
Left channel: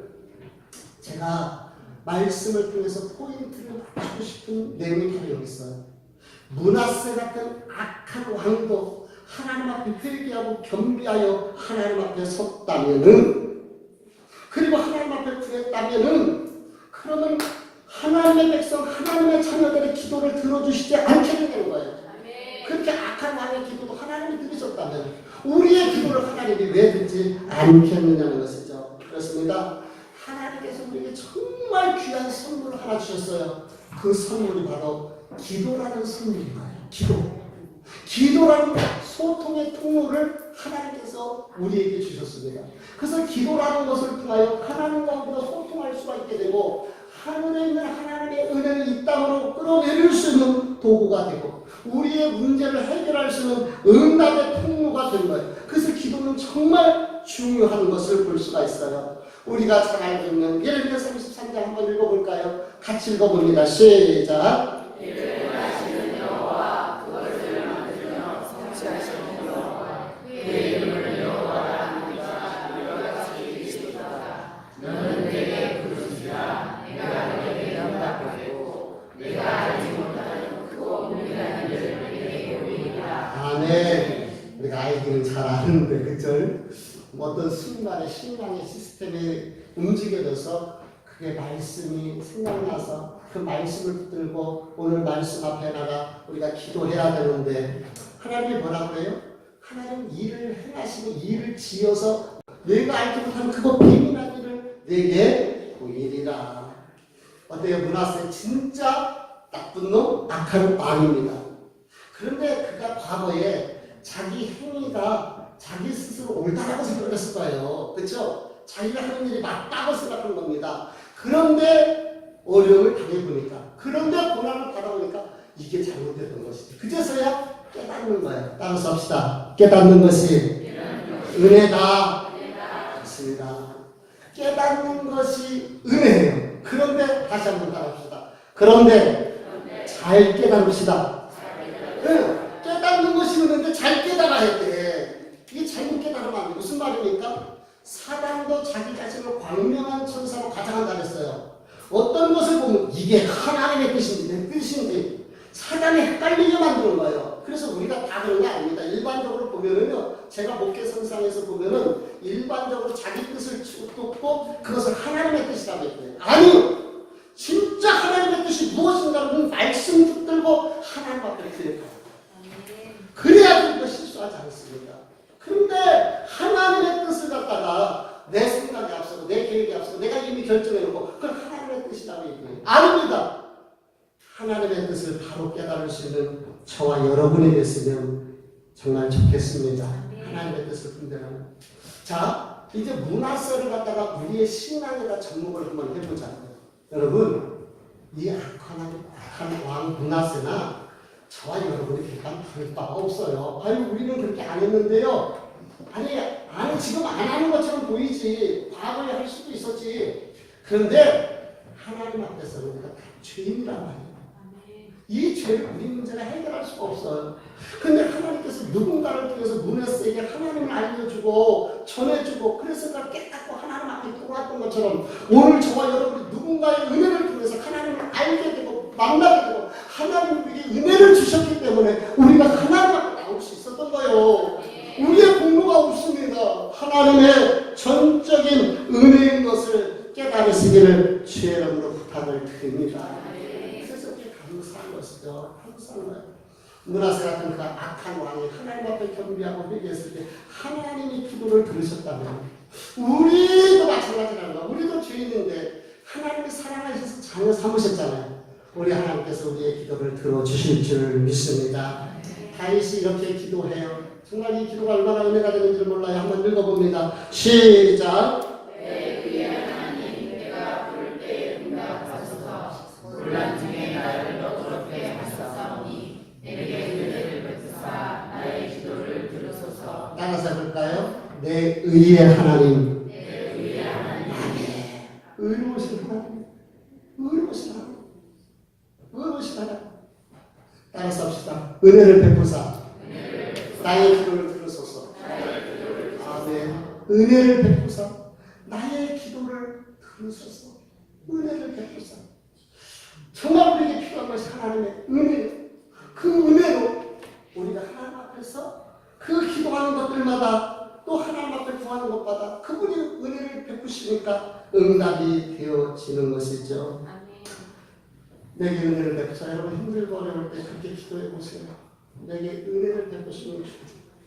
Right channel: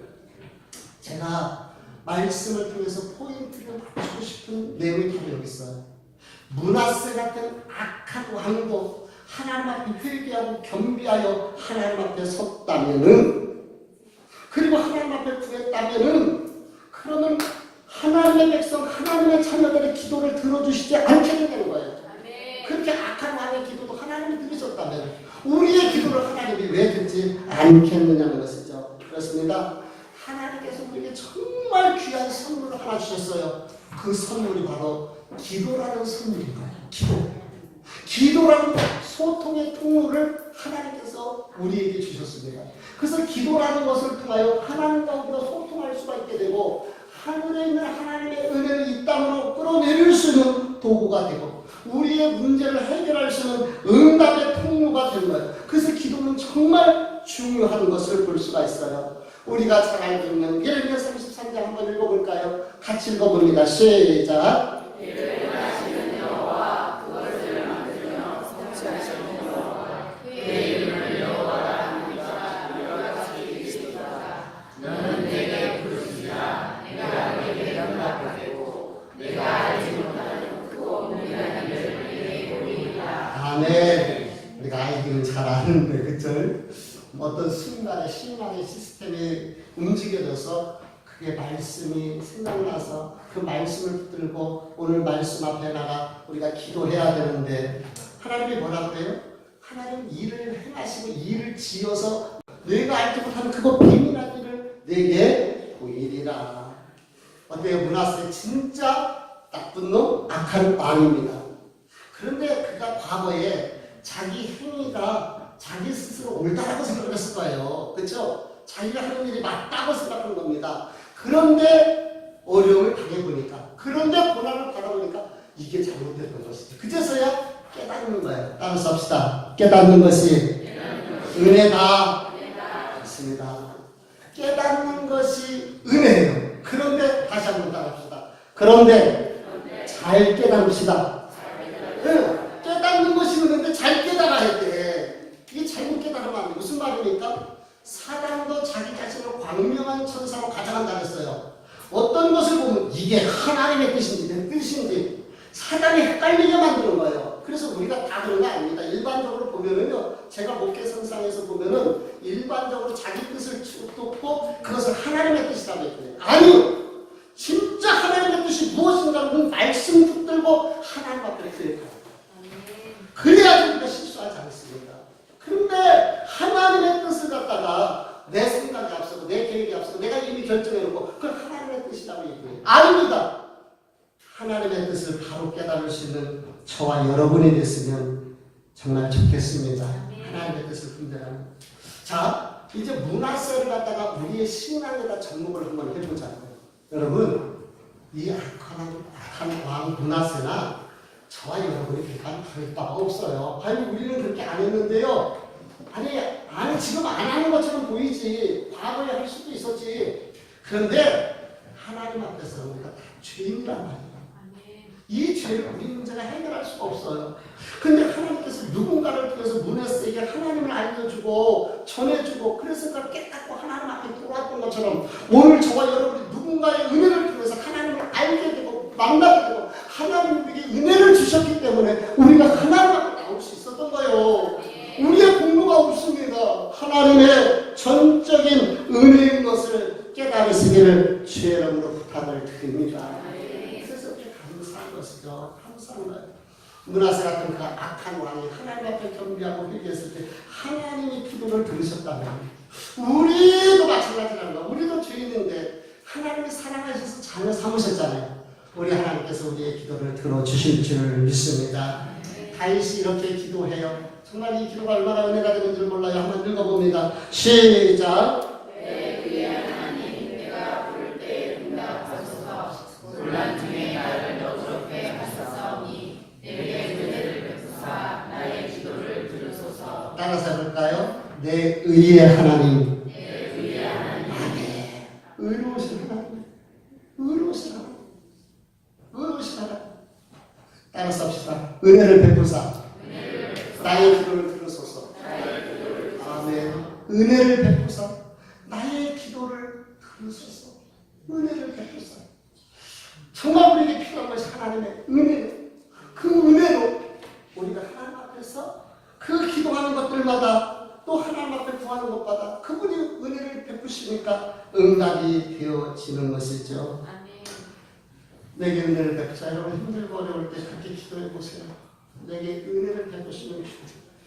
제가 말씀을 통해서 포인트를 맞추고 싶은 내용이 바로 여기 있어요. 므낫세 같은 악한 왕도 하나님 앞에 회개하고 겸비하여 하나님 앞에 섰다면은 그리고 하나님 앞에 구했다면은 그러면 하나님의 백성, 하나님의 자녀들의 기도를 들어주시지 않게 되는 거예요. 그렇게 악한 왕의 기도도 하나님이 들으셨다면 우리의 기도를 하나님이 왜 듣지 않겠느냐는 것이죠. 그렇습니다. 하나님께서 우리에게 정말 귀한 선물을 하나 주셨어요. 그 선물이 바로 기도라는 선물인 거예요. 기도라는 소통의 통로를 하나님께서 우리에게 주셨습니다. 그래서 기도라는 것을 통하여 하나님과 우리가 소통할 수가 있게 되고 하늘에 있는 하나님의 은혜를 이 땅으로 끌어내릴 수 있는 도구가 되고 우리의 문제를 해결할 수 있는 응답의 통로가 되는 거예요. 그래서 기도는 정말 중요한 것을 볼 수가 있어요. 우리가 잘 알고 있는 예레미야 33장 한번 읽어볼까요? 같이 읽어봅니다. 시작. 예를 하시는 여호와 그것을 만들며 성취하시는 여호와 그의 이름을 여호와라 하니까 이렇게 이르시리로다. 너는 내게 부르시라. 내가 너에게 응답하겠고 내가 알지 못하는 크고 은밀한 일을 너에게 보이리라. 아멘. 우리가 알기는 잘 아는데 그쵸? 어떤 순간에 신앙의 시스템이 움직여져서 그게 말씀이 생각나서 그 말씀을 붙들고 오늘 말씀 앞에다가 우리가 기도해야 되는데 하나님이 뭐라 그래요? 하나님 일을 행하시고 일을 지어서 내가 알지 못하는 그거 비밀한 일을 내게 보이리라. 어때요? 므낫세 진짜 나쁜 놈, 악한 왕입니다. 그런데 그가 과거에 자기 행위가 자기 스스로 옳다고 생각했을 거예요. 그렇죠? 자기가 하는 일이 맞다고 생각하는 겁니다. 그런데 어려움을 당해보니까, 그런데 고난을 받아보니까 이게 잘못됐던 것이지. 그제서야 깨닫는 거예요. 따라서 합시다. 깨닫는 것이 은혜다. 맞습니다. 깨닫는 것이 은혜예요. 그런데 다시 한번 따라합시다. 그런데 잘 깨닫읍시다. 깨닫는 것이 은혜인데 잘 깨달아야 돼. 이게 잘못 깨달으면 안 돼. 무슨 말입니까? 사람도 자기 자신을 광명한 천사로 가장한다 그랬어요. 어떤 것을 보면 이게 하나님의 뜻인지 내 뜻인지 사람이 헷갈리게 만드는 거예요. 그래서 우리가 다 그런 거 아닙니다. 일반적으로 보면은요, 제가 목회 선상에서 보면은 일반적으로 자기 뜻을 쫓고 그것을 하나님의 뜻이라고 했거든요. 아니요! 진짜 하나님의 뜻이 무엇인가를 말씀 붙들고 하나님 앞에 드려요. 그래야 우리가 실수하지 않습니다. 근데 하나님의 뜻을 갖다가 내 생각에 앞서고 내 계획에 앞서고 내가 이미 결정해놓고 그걸 하나님의 뜻이라고 얘기해요. 아닙니다. 하나님의 뜻을 바로 깨달을 수 있는 저와 여러분이 됐으면 정말 좋겠습니다. 하나님의 뜻을 분별하는. 자, 이제 므낫세를 갖다가 우리의 신앙에다 접목을 한번 해보자고요. 여러분, 이 악한 왕 므낫세나 저와 여러분이 대단 다를 바가 없어요. 아니, 우리는 그렇게 안 했는데요. 아니, 지금 안 하는 것처럼 보이지. 과거에 할 수도 있었지. 그런데 하나님 앞에서는 우리가 다 죄인이란 말이에요. 이 죄를 우리 문제가 해결할 수가 없어요. 근데 하나님께서 누군가를 통해서 므낫세에게 하나님을 알려주고 전해주고 그래서 그걸 깨닫고 하나님 앞에 들어왔던 것처럼 오늘 저와 여러분이 누군가의 은혜를 통해서 하나님을 알게 되고 만나게 되고 하나님에게 은혜를 주셨기 때문에 우리가 하나님 앞에 나올 수 있었던 거예요. 우리의 공로가 없습니다. 하나님의 전적인 은혜인 것을 깨달으시기를 주의 이름으로 부탁을 드립니다. 것이죠. 항상 므낫세 같은 그 악한 왕이 하나님 앞에 겸비하고 회개했을 때 하나님이 기도를 들으셨다면 우리도 마찬가지라는 거. 우리도 죄인인데 하나님이 사랑하셔서 자녀 삼으셨잖아요. 우리 하나님께서 우리의 기도를 들어주실 줄 믿습니다. 다윗이 이렇게 기도해요. 정말 이 기도가 얼마나 은혜가 되는지 몰라요. 한번 읽어봅니다. 시작. 혼란 중에 나를 너그럽게 하사오니 내게 은혜를 베푸사 나의 기도를 들으소서. 따라서 볼까요? 내 의의 하나님. 내 의의 하나님. 아멘. 의로우신 하나님. 의로우신 하나님. 의로우신 하나님. 따라서 합시다. 은혜를 베푸사 나의 기도를 들으소서. 아멘. 은혜를 베푸사 나의 기도를 들으소서. 은혜를 베푸사. 정말 우리에게 필요한 것이 하나님의 은혜예요. 그 은혜로 우리가 하나님 앞에서 그 기도하는 것들마다 또 하나님 앞에 구하는 것마다 그분이 은혜를 베푸시니까 응답이 되어지는 것이죠. 내게 은혜를 베푸사. 여러분 힘들고 어려울 때 그렇게 기도해 보세요. 내게 은혜를 베푸시는 주,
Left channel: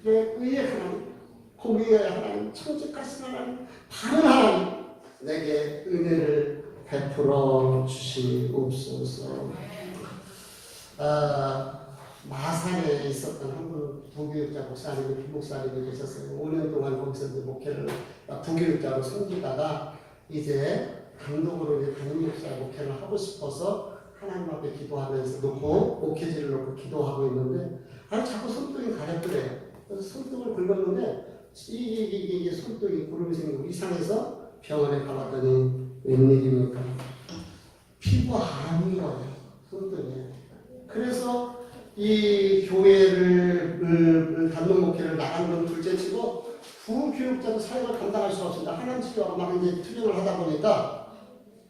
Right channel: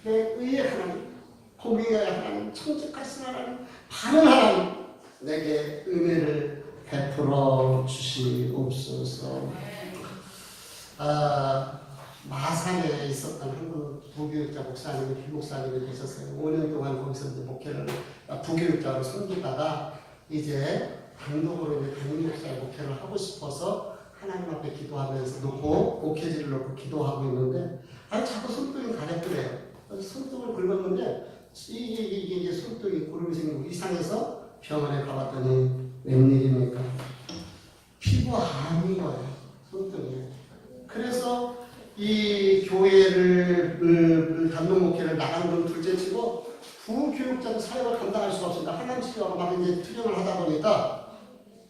내 의의 하나님, 공의의 하나님, 청직하신 하나님, 바른 하나님, 내게 은혜를 베풀어 주시옵소서. 마산에 있었던 한국 부교육자 목사님이 부목사님이 되셨어요. 5년 동안 거기서 목회를 부교육자로 섬기다가 이제 단독으로 담임 목사 목회를 하고 싶어서 하나님 앞에 기도하면서 놓고 오케지를 놓고 기도하고 있는데 자꾸 손등이 가렵더래요. 손등을 긁었는데 이게 손등이 구름이 생기고 이상해서 병원에 가봤더니 웬일입니까? 피부암인 거예요. 손등에. 그래서 이 교회를 담임 목회를 나간 건 둘째치고 부교육자도 사역을 감당할 수가 없습니다. 하나님 치료하고 막 이제 투쟁을 하다 보니까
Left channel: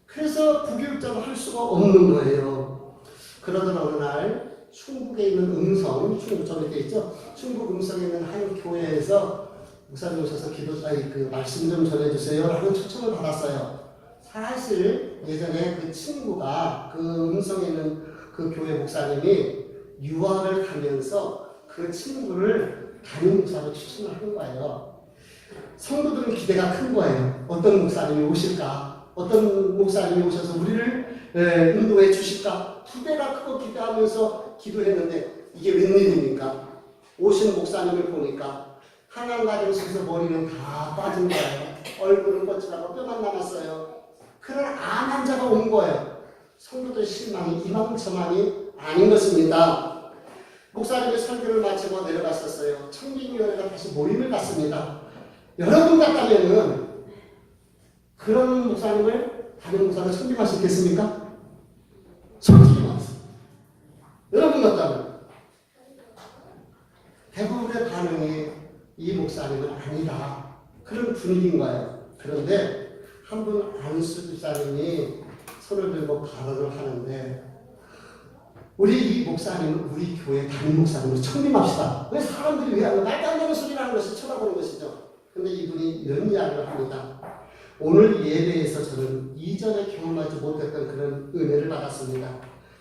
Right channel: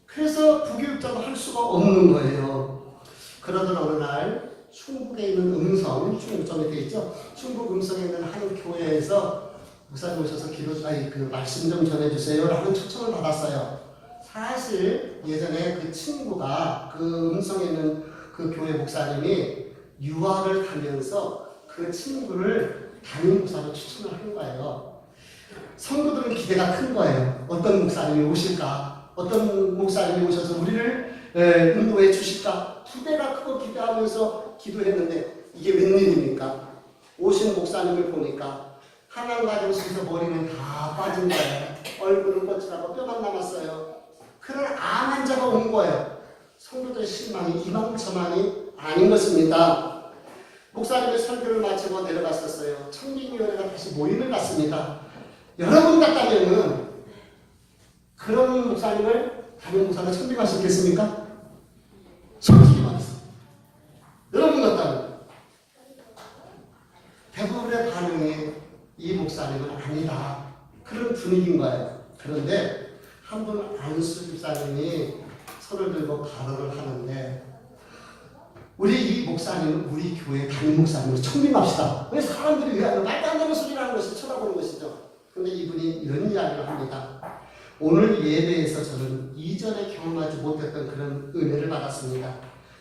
그래서 부교육자도 할 수가 없는 거예요. 그러던 어느 날 충북에 있는 음성, 충북 저 밑에 있죠? 충북 음성에 있는 한 교회에서 목사님 오셔서 그 말씀 좀 전해주세요 하는 초청을 받았어요. 사실 예전에 그 친구가 그 음성에 있는 그 교회 목사님이 유학을 가면서 그 친구를 담임 목사로 추천을 한 거예요. 성도들은 기대가 큰 거예요. 어떤 목사님이 오실까? 어떤 목사님이 오셔서 우리를 인도해 주실까? 기대가 크고 기대하면서 기도했는데 이게 웬일입니까? 오신 목사님을 보니까 한강 가지고 서서 머리는 다 빠진 거예요. 얼굴은 거칠하고 뼈만 남았어요. 그런 암 환자가 온 거예요. 성도들의 실망이 이만저만이 아닌 것입니다. 목사님이 설교를 마치고 내려갔었어요. 청빙위원회가 다시 모임을 갖습니다. 여러분 같다면은 그런 목사님을 담임 목사가 청빙할 수 있겠습니까? 솔직히 말해서 여러분 같다면 대부분의 반응이 이 목사님은 아니다. 그런 분위기인 거예요. 그런데 한 분 안수 집사님이 손을 들고 발언을 하는데 우리 이 목사님은 우리 교회 담임 목사님으로 청빙합시다. 왜 사람들이 왜 말도 안 되는 소리라는 것을 쳐다보는 것이죠. 근데 이분이 이런 이야기를 합니다. 오늘 예배에서 저는 이전에 경험하지 못했던 그런 은혜를 받았습니다.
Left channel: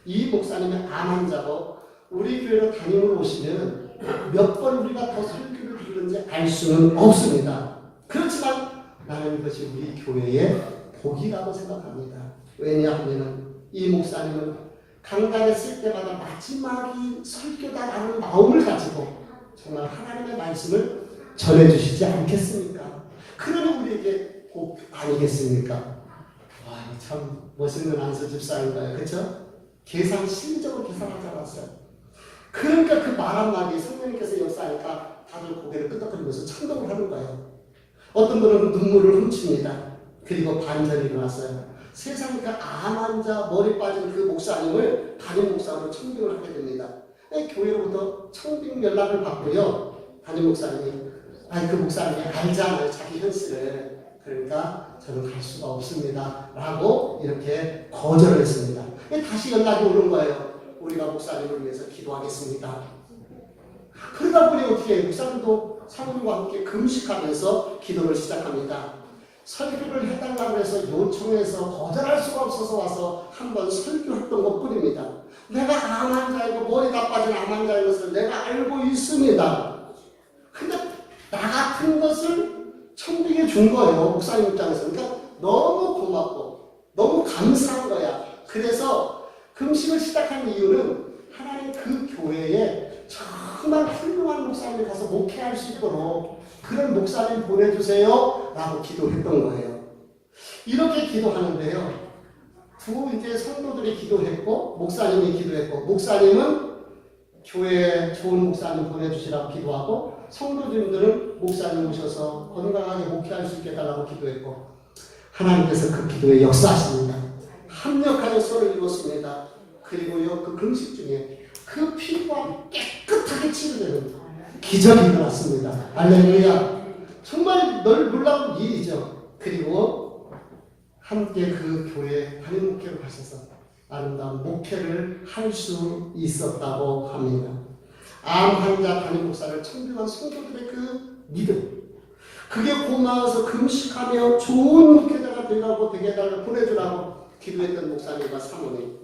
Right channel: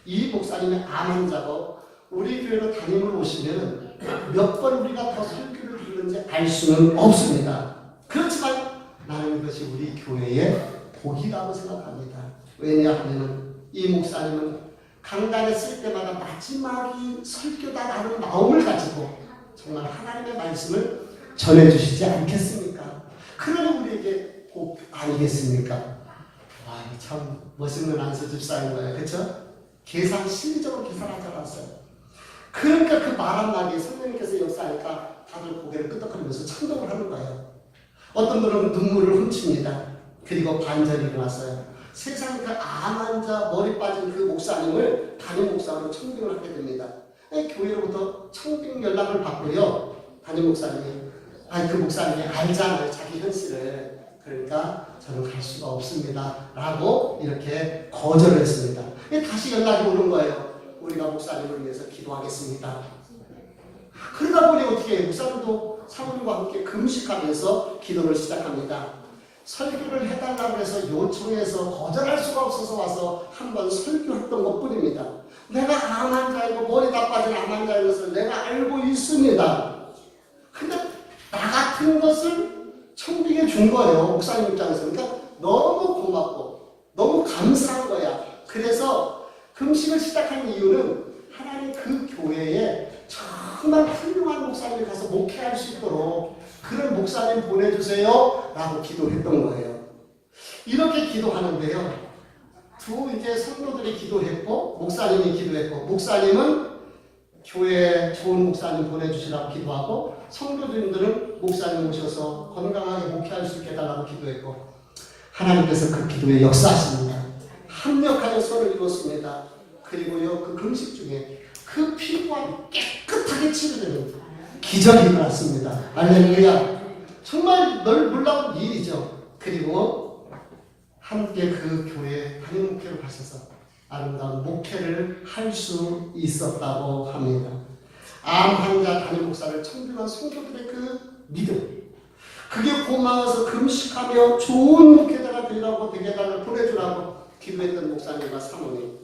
이 목사님의 암 환자고 우리 교회로 담임을 오시면 몇 번 우리가 더 설교를 들었는지 알 수는 없습니다. 그렇지만 나는 이것이 우리 교회의 복이라고 생각합니다. 왜냐하면 이 목사님은 강단에 쓸 때마다 마지막이 설교다라는 마음을 가지고 정말 하나님의 말씀을 전해주시지 않겠습니까? 그러면 우리에게 복 아니겠습니까? 와, 이게 참 멋있는 안수 집사인 거예요. 그렇죠? 실리적으로 계산하지 않았어요. 그러니까 그 말 한마디에 성령님께서 역사하니까 다들 고개를 끄덕거리면서 찬동을 하는 거예요. 어떤 분은 눈물을 훔칩니다. 그리고 반전이 일어났어요. 세상 그 암 환자 머리 빠진 그 목사님을 담임 목사로 청빙을 하게 됩니다. 교회로부터 청빙 연락을 받고요. 담임 목사님이 그 목사님이 알잖아요. 자기 현실을. 그러니까 저는 갈 수가 없습니다. 라고 이렇게 거절을 했습니다. 다시 연락이 오는 거예요. 우리가 목사님을 위해서 기도하겠습니다. 그러다 보니 어떻게 해요? 목사님도 사모님과 함께 금식하면서 기도를 시작합니다. 설교를 해달라고 해서 요청해서 거절할 수가 없어서 와서 한번 설교했던 것뿐입니다. 내가 암 환자이고 머리가 빠진 암 환자인 것을 내가 알고 있습니다. 근데 나 같은 것을 청빙해 준 거예요. 목사님 입장에서. 그러니까 너무 고맙고 너무 감사한 거야. 그래서 금식을 시작한 이유는 하나님 그 교회에 정말 훌륭한 목사님이 가서 목회할 수 있도록 그런 목사님 보내주세요 라고 기도했던 거예요. 이렇게 기도하는데요. 두 이제 성도들이 기도했고 목사님이 기도했고 목사님은 교회에 좋은 목사님 보내주시라고 기도하고 성도들은 목사님 모셔서 건강하게 목회할 수 있게 해달라고 기도했고 하나님께서 그 기도에 역사하십니다. 합력하여 손을 이뤘습니다. 그리고요 그 금식 중에 그 피부가 깨끗하게 치유되는 기적이 일어났습니다. 할렐루야. 정말 놀라운 일이죠. 그리고 함께 그 교회 담임 목회로 가셔서 아름다운 목회를 할 수 있었다고 합니다. 암 환자 담임 목사를 청빙한 성도들의 그 믿음, 그게 고마워서 금식하며 좋은 목회자가 되라고 대개단을 보내주라고 기도했던 목사님과 사모님,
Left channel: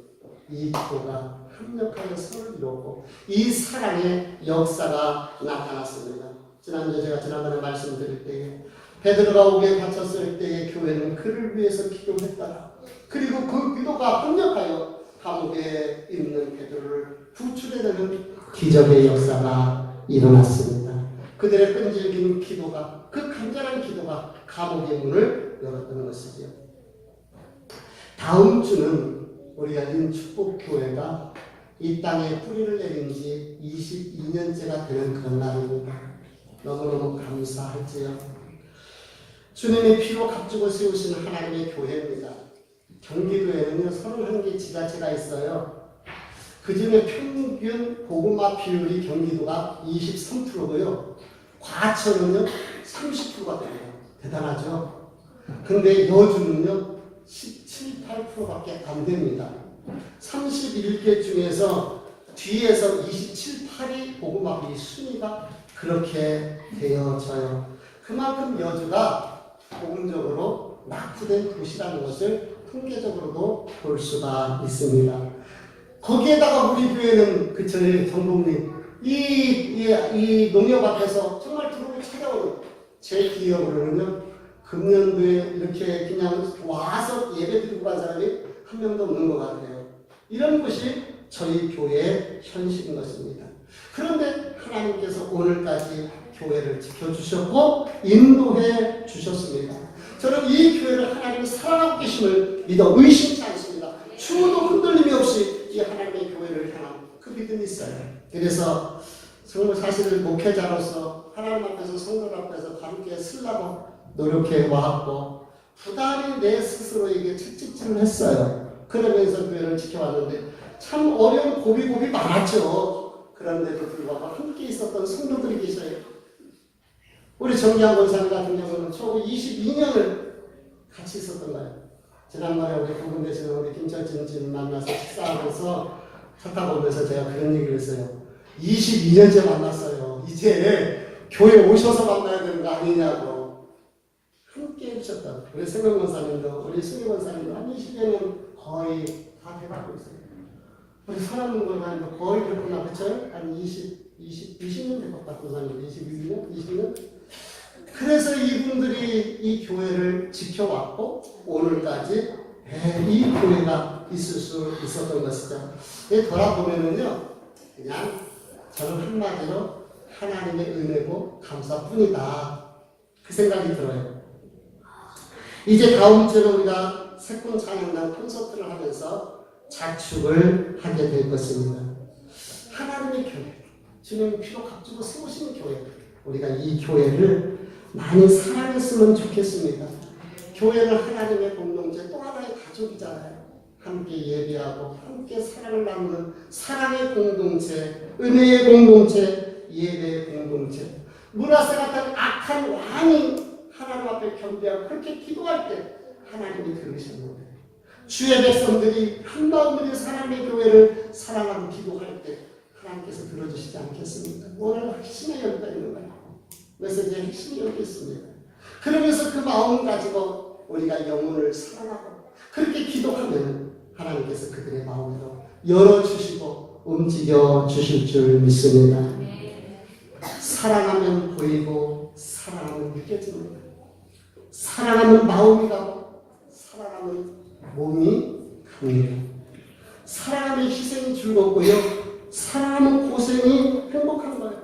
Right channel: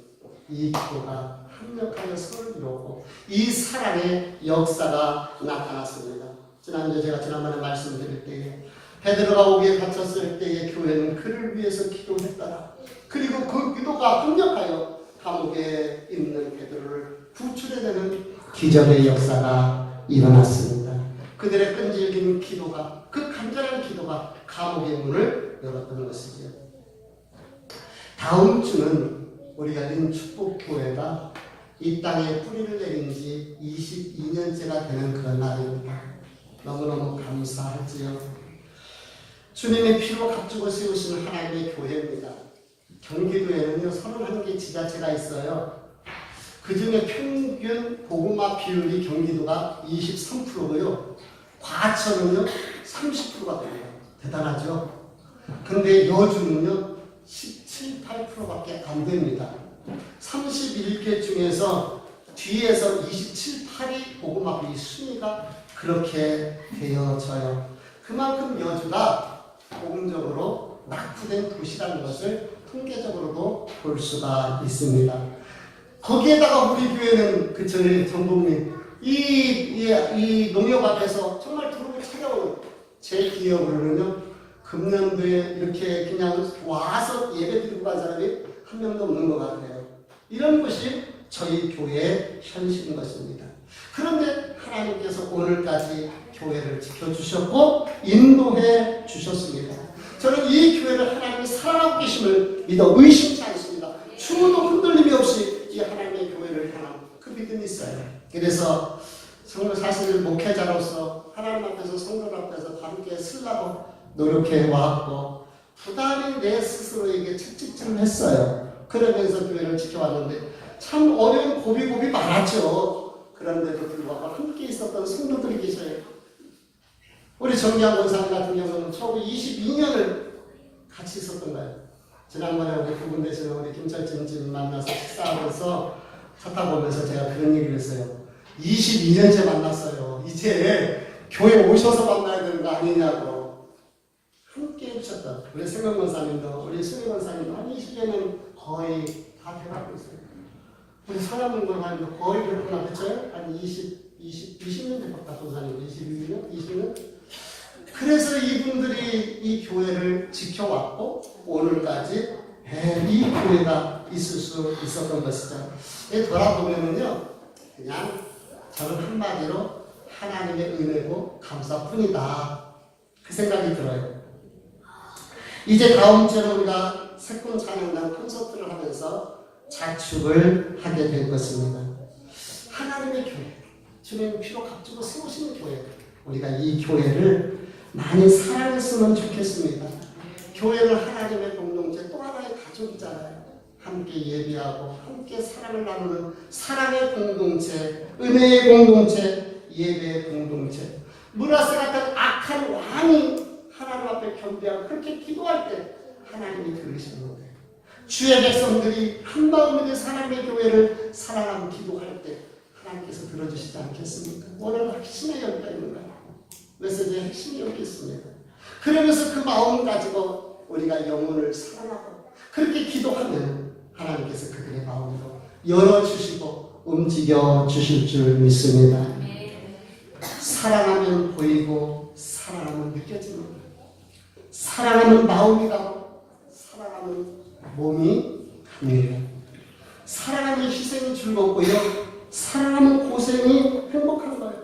이 기도가 합력하여 선을 이루었고 이 사랑의 역사가 나타났습니다. 지난주에 제가 지난번에 말씀드릴 때에 베드로가 옥에 갇혔을 때의 교회는 그를 위해서 기도했다. 그리고 그 기도가 합력하여 감옥에 있는 베드로를 구출해내는 기적의 역사가 일어났습니다. 그들의 끈질긴 기도가, 그 간절한 기도가 감옥의 문을 열었던 것이죠. 다음 주는 우리 열린 축복교회가 이 땅에 뿌리를 내린 지 22년째가 되는 그런 날입니다. 너무너무 감사하지요. 주님의 피로 값주고 세우시는 하나님의 교회입니다. 경기도에는요 31개 지자체가 있어요. 그 중에 평균 복음화 비율이 경기도가 23%고요. 과천은요 30%가 돼요. 대단하죠? 근데 여주는요 17, 8%밖에 안 됩니다. 31개 중에서 뒤에서 27, 8이 복음화 비율 순위가 그렇게 되어져요. 그만큼 여주가 복음적으로 낙후된 도시라는 것을 통계적으로도 볼 수가 있습니다. 거기에다가 우리 교회는 그 전에 정복님 이 농협 앞에서 정말 두루를 찾아오는 제 기억으로는요, 금년도에 이렇게 그냥 와서 예배 드리고 간 사람이 한 명도 없는 것 같아요. 이런 것이 저희 교회의 현실인 것입니다. 그런데 하나님께서 오늘까지 교회를 지켜주셨고 인도해 주셨습니다. 저는 이 교회를 하나님이 사랑하고 계심을 믿어 의심치 않습니다. 추모도 흔들림이 없이 이 하나님의 교회를 향한 그 믿음이 있어요. 그래서 사실 목회자로서 하나님 앞에서 성도 앞에서 함께 쓰려고 노력해 왔고 부단히 내 스스로에게 채찍질을 했어요. 그러면서 교회를 지켜왔는데 참 어려운 고비고비 많았죠. 그런데도 불구하고 함께 있었던 성도들이 계셔요. 우리 정기한 권사님 같은 경우는 초고 22년을 같이 있었던 거예요. 지난번에 우리 부분 되시는 우리 김철진 님 만나서 식사하면서 차 타보면서 제가 그런 얘기를 했어요. 22년째 만났어요. 이제 교회 오셔서 만나야 되는 거 아니냐고. 함께 해주셨다. 우리 승현 권사님도, 우리 승현 권사님도 한 20년은 거의 다 돼가고 있어요. 우리 서양문 권사님도 거의 됐구나. 그쵸? 한 20년 됐겠다. 권사님. 21년? 20년? 그래서 이분들이 이 교회를 지켜왔고, 오늘까지 이 교회가 있을 수 있었던 것이죠. 돌아보면은요, 그냥 저는 한마디로 하나님의 은혜고 감사뿐이다. 그 생각이 들어요. 이제 다음 주에 우리가 새콤 찬양단 콘서트를 하면서 자축을 하게 될 것입니다. 하나님의 교회, 주님 피로 값주고 세우시는 교회, 우리가 이 교회를 많이 사랑했으면 좋겠습니다. 교회는 하나님의 공동체, 또 하나의 가족이잖아요. 함께 예배하고 함께 사랑을 나누는 사랑의 공동체, 은혜의 공동체, 예배의 공동체. 므낫세 같은 악한 왕이 하나님 앞에 경배하고 그렇게 기도할 때 하나님이 들으시는 거예요. 주의 백성들이 한마음으로 하나님의 교회를 사랑하고 기도할 때 하나님께서 들어주시지 않겠습니까? 오늘 핵심의 여기가 있는 거예요. 메시지의 핵심이 여기 있습니다. 그러면서 그 마음을 가지고 우리가 영혼을 사랑하고 그렇게 기도하면 하나님께서 그들의 마음으로 열어주시고 움직여 주실 줄 믿습니다. 사랑하면 보이고 사랑하면 느껴지는 거예요. 사랑하면 마음이 가고 사랑하면 몸이 갑니다. 사랑하면 희생이 즐겁고요. 사랑하면 고생이 행복한 거예요.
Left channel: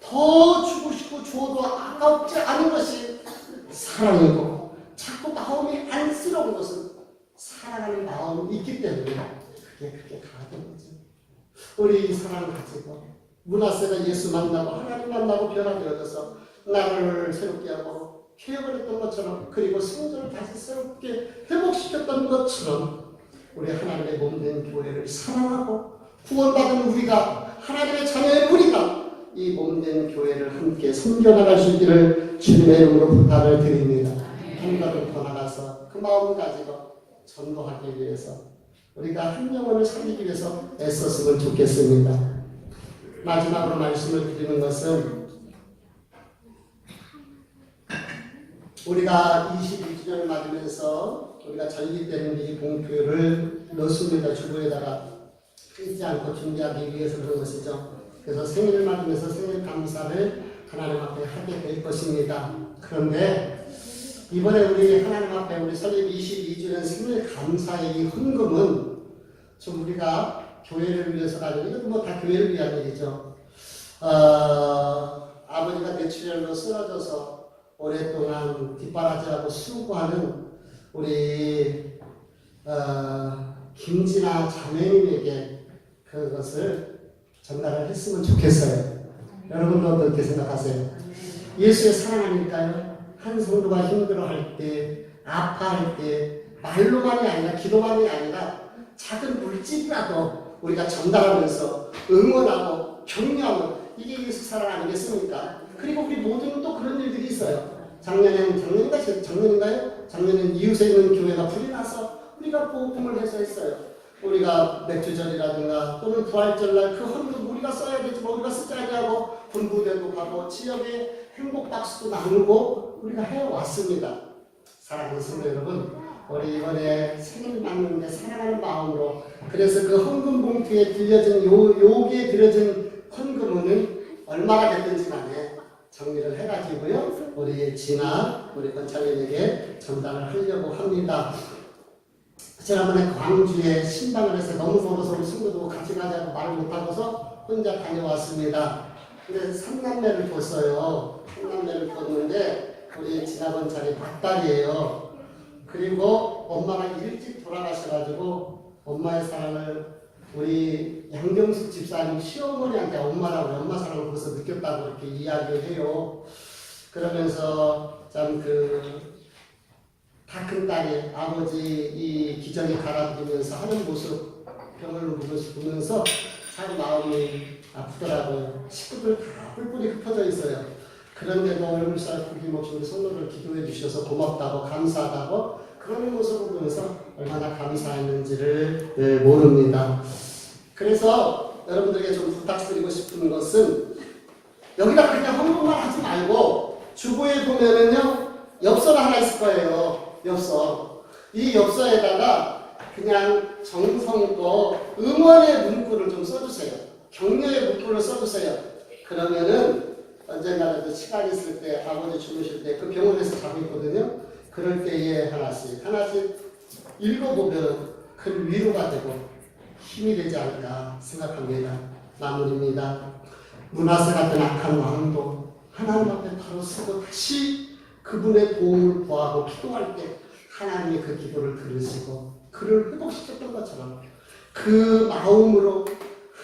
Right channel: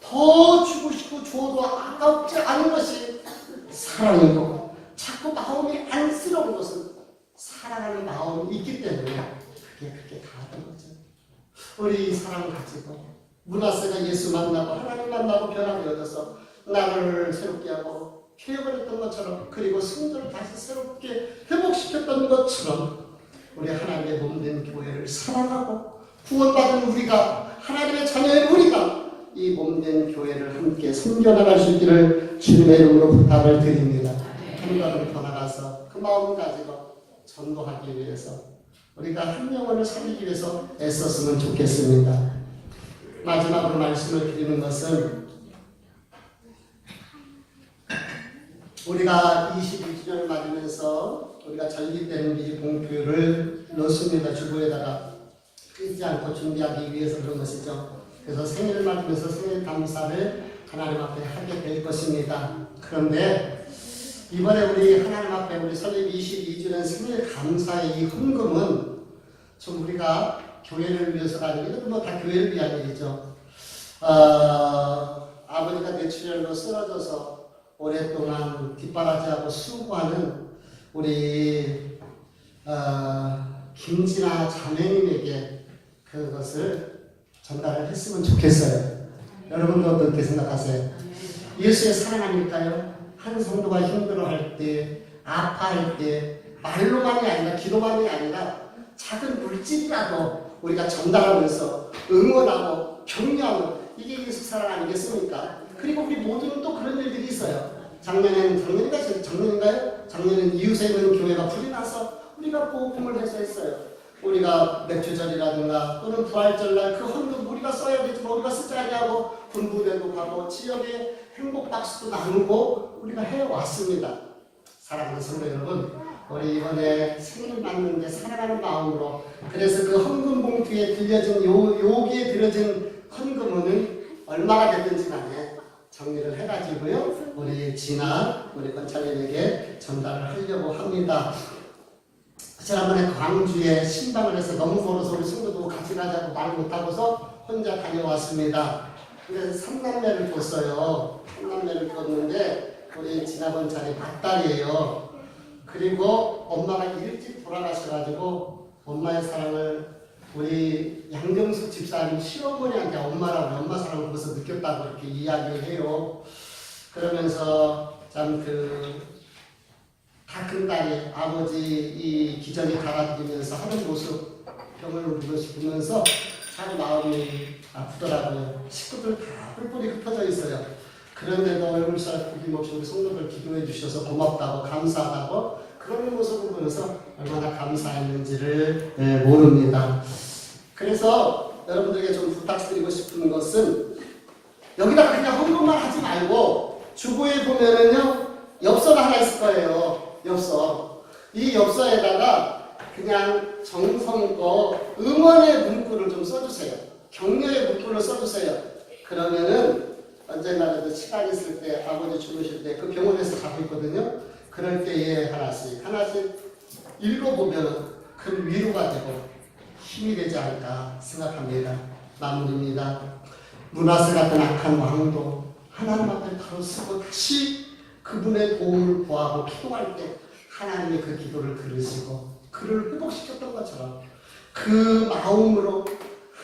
더 주고 싶고 줘도 아깝지 않은 것이 사랑이고 자꾸 마음이 안쓰러운 것은 사랑하는 마음이 있기 때문에 그게 그렇게 가는 거죠. 우리 이 사랑을 가지고 므낫세가 예수 만나고 하나님 만나고 변화를 얻어서 나를 새롭게 하고 피해버렸던 것처럼 그리고 성도를 다시 새롭게 회복시켰던 것처럼 우리 하나님의 몸된 교회를 사랑하고 구원받은 우리가 하나님의 자녀인 우리가 이 몸된 교회를 함께 섬겨나갈 수 있기를 주님의 이름으로 부탁을 드립니다. 한 걸음 더 나가서 그 마음 가지고 전도하기 위해서 우리가 한 영혼을 살리기 위해서 애썼으면 좋겠습니다. 마지막으로 말씀을 드리는 것은 우리가 22주년을 맞으면서 우리가 전립되는 이 봉투를 넣습니다. 주보에다가 잊지 않고 준비하기 위해서 그런 것이죠. 그래서 생일을 맞으면서 생일 감사를 하나님 앞에 하게 될 것입니다. 그런데 이번에 우리 하나님 앞에 우리 설립 22주년 생일 감사의 이 헌금은 좀 우리가 교회를 위해서가 아니고 이것도 뭐 다 교회를 위한 일이죠. 아버지가 뇌출혈로 쓰러져서 오랫동안 뒷바라지하고 수고하는 우리 김진아 자매님에게 그것을 전달을 했으면 좋겠어요. 여러분도 어떻게 생각하세요? 예수의 사랑 아닐까요? 한 성도가 힘들어할 때, 아파할 때 말로만이 아니라 기도만이 아니라 작은 물질이라도 우리가 전달하면서 응원하고 격려하고 이게 예수 사랑 아니겠습니까? 그리고 우리 모두는 또 그런 일들이 있어요. 작년에는 이웃에 있는 교회가 불이 나서 우리가 보험을 해서 했어요. 우리가 맥주절이라든가 또는 부활절날 그 헌금 우리가 써야 되지만 우리가 쓰지 않냐고 분부대도 가고 지역에 행복박수도 나누고 우리가 해왔습니다. 사랑하는 성도 여러분, 우리 이번에 생일 맞는데 사랑하는 마음으로 그래서 그 헌금 봉투에 들려진 여기에 들려진 헌금은 부모는 얼마나 됐든지 간에 정리를 해가지고요, 우리 진아, 우리 권창현에게 전달을 하려고 합니다. 지난번에 광주에 신방을 해서 너무 멀어서 우리 친구도 같이 가자고 말을 못하고서 혼자 다녀왔습니다. 근데 3남매를 뒀어요. 3남매를 뒀는데 우리 지난번 자리 맞딸이에요. 그리고 엄마가 일찍 돌아가셔가지고 엄마의 사랑을 우리 양경숙 집사님 시어머니한테 엄마라고 엄마 사랑을 거기서 느꼈다고 그렇게 이야기를 해요. 그러면서 참 다 큰 딸이 아버지 이 기저귀 갈아드리면서 하는 모습 병을 보면서 참 마음이 아프더라고요. 식구들 다 뿔뿔이 흩어져 있어요. 그런데도 얼굴살 끊김없이 우리 성도들 기도해 주셔서 고맙다고 감사하다고 그런 모습을 보면서 얼마나 감사했는지를 모릅니다. 그래서 여러분들에게 좀 부탁드리고 싶은 것은 여기다 그냥 헌금만 하지 말고 주보에 보면은요 엽서가 하나 있을 거예요. 엽서. 이 엽서에다가 그냥 정성껏 응원의 문구를 좀 써주세요. 격려의 문구를 써주세요. 그러면은 언젠가라도 시간 있을 때 아버지 죽으실 때 그 병원에서 가고 있거든요. 그럴 때에 하나씩 읽어보면 그 위로가 되고 힘이 되지 않을까 생각합니다. 마무리입니다. 문하세 같은 악한 왕도 하나님 앞에 바로 서고 다시 그분의 도움을 구하고 기도할 때 하나님이 그 기도를 들으시고 그를 회복시켰던 것처럼 그 마음으로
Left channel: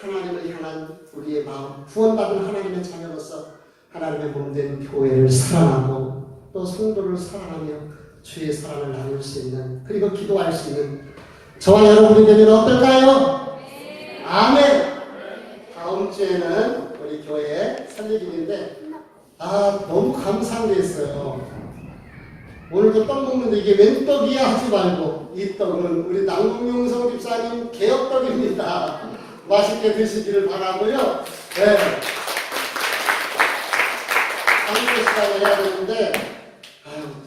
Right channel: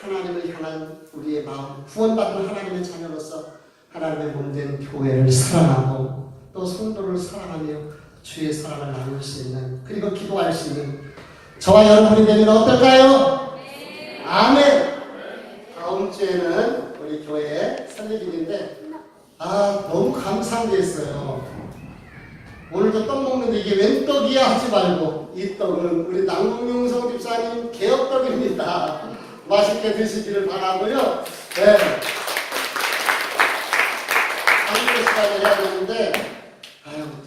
하나님을 향한 우리의 마음, 구원받은 하나님의 자녀로서 하나님의 몸된 교회를 사랑하고 또 성도를 사랑하며 주의 사랑을 나눌 수 있는 그리고 기도할 수 있는 저와 여러분이 되면 어떨까요? 아멘. 다음 주에는 우리 교회 설립일인데 너무 감사한 게 있어요. 오늘도 떡 먹는데 이게 웬 떡이야 하지 말고 이 떡은 우리 남궁용성 집사님 개업떡입니다. 맛있게 드시기를 바라고요. 네. 한국에 시간을 해야 되는데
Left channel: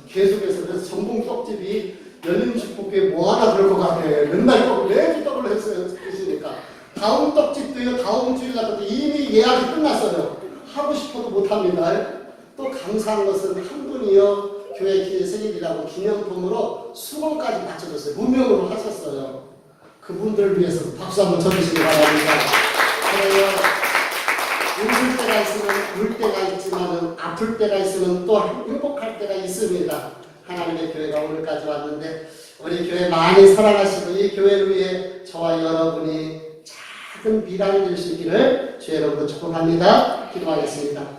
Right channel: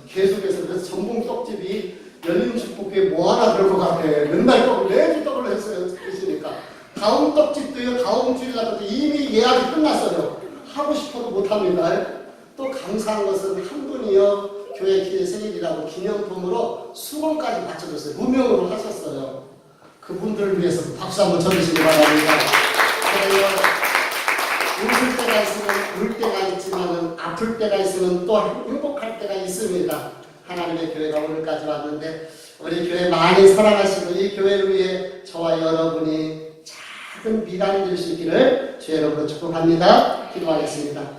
계속해서 그래서 전북 떡집이 열린축복에 뭐 하나 들고 가게 맨날 떡을 매주 떡을 했으니까 다음 떡집도요 다음 주에 가도 이미 예약이 끝났어요. 하고 싶어도 못합니다. 또 감사한 것은 한 분이요 교회 기회 생일이라고 기념품으로 수건까지 바쳐줬어요. 무명으로 하셨어요. 그분들을 위해서 박수 한번 쳐주시기 바랍니다. 웃을 때가 있으면 울 때가 있지만 아플 때가 있으면 또 행복할 때가 있습니다. 하나님의 교회가 오늘까지 왔는데 우리 교회 많이 사랑하시고 이 교회를 위해 저와 여러분이 작은 비단이 될 수 있기를 주의 이름으로 축복합니다. 기도하겠습니다.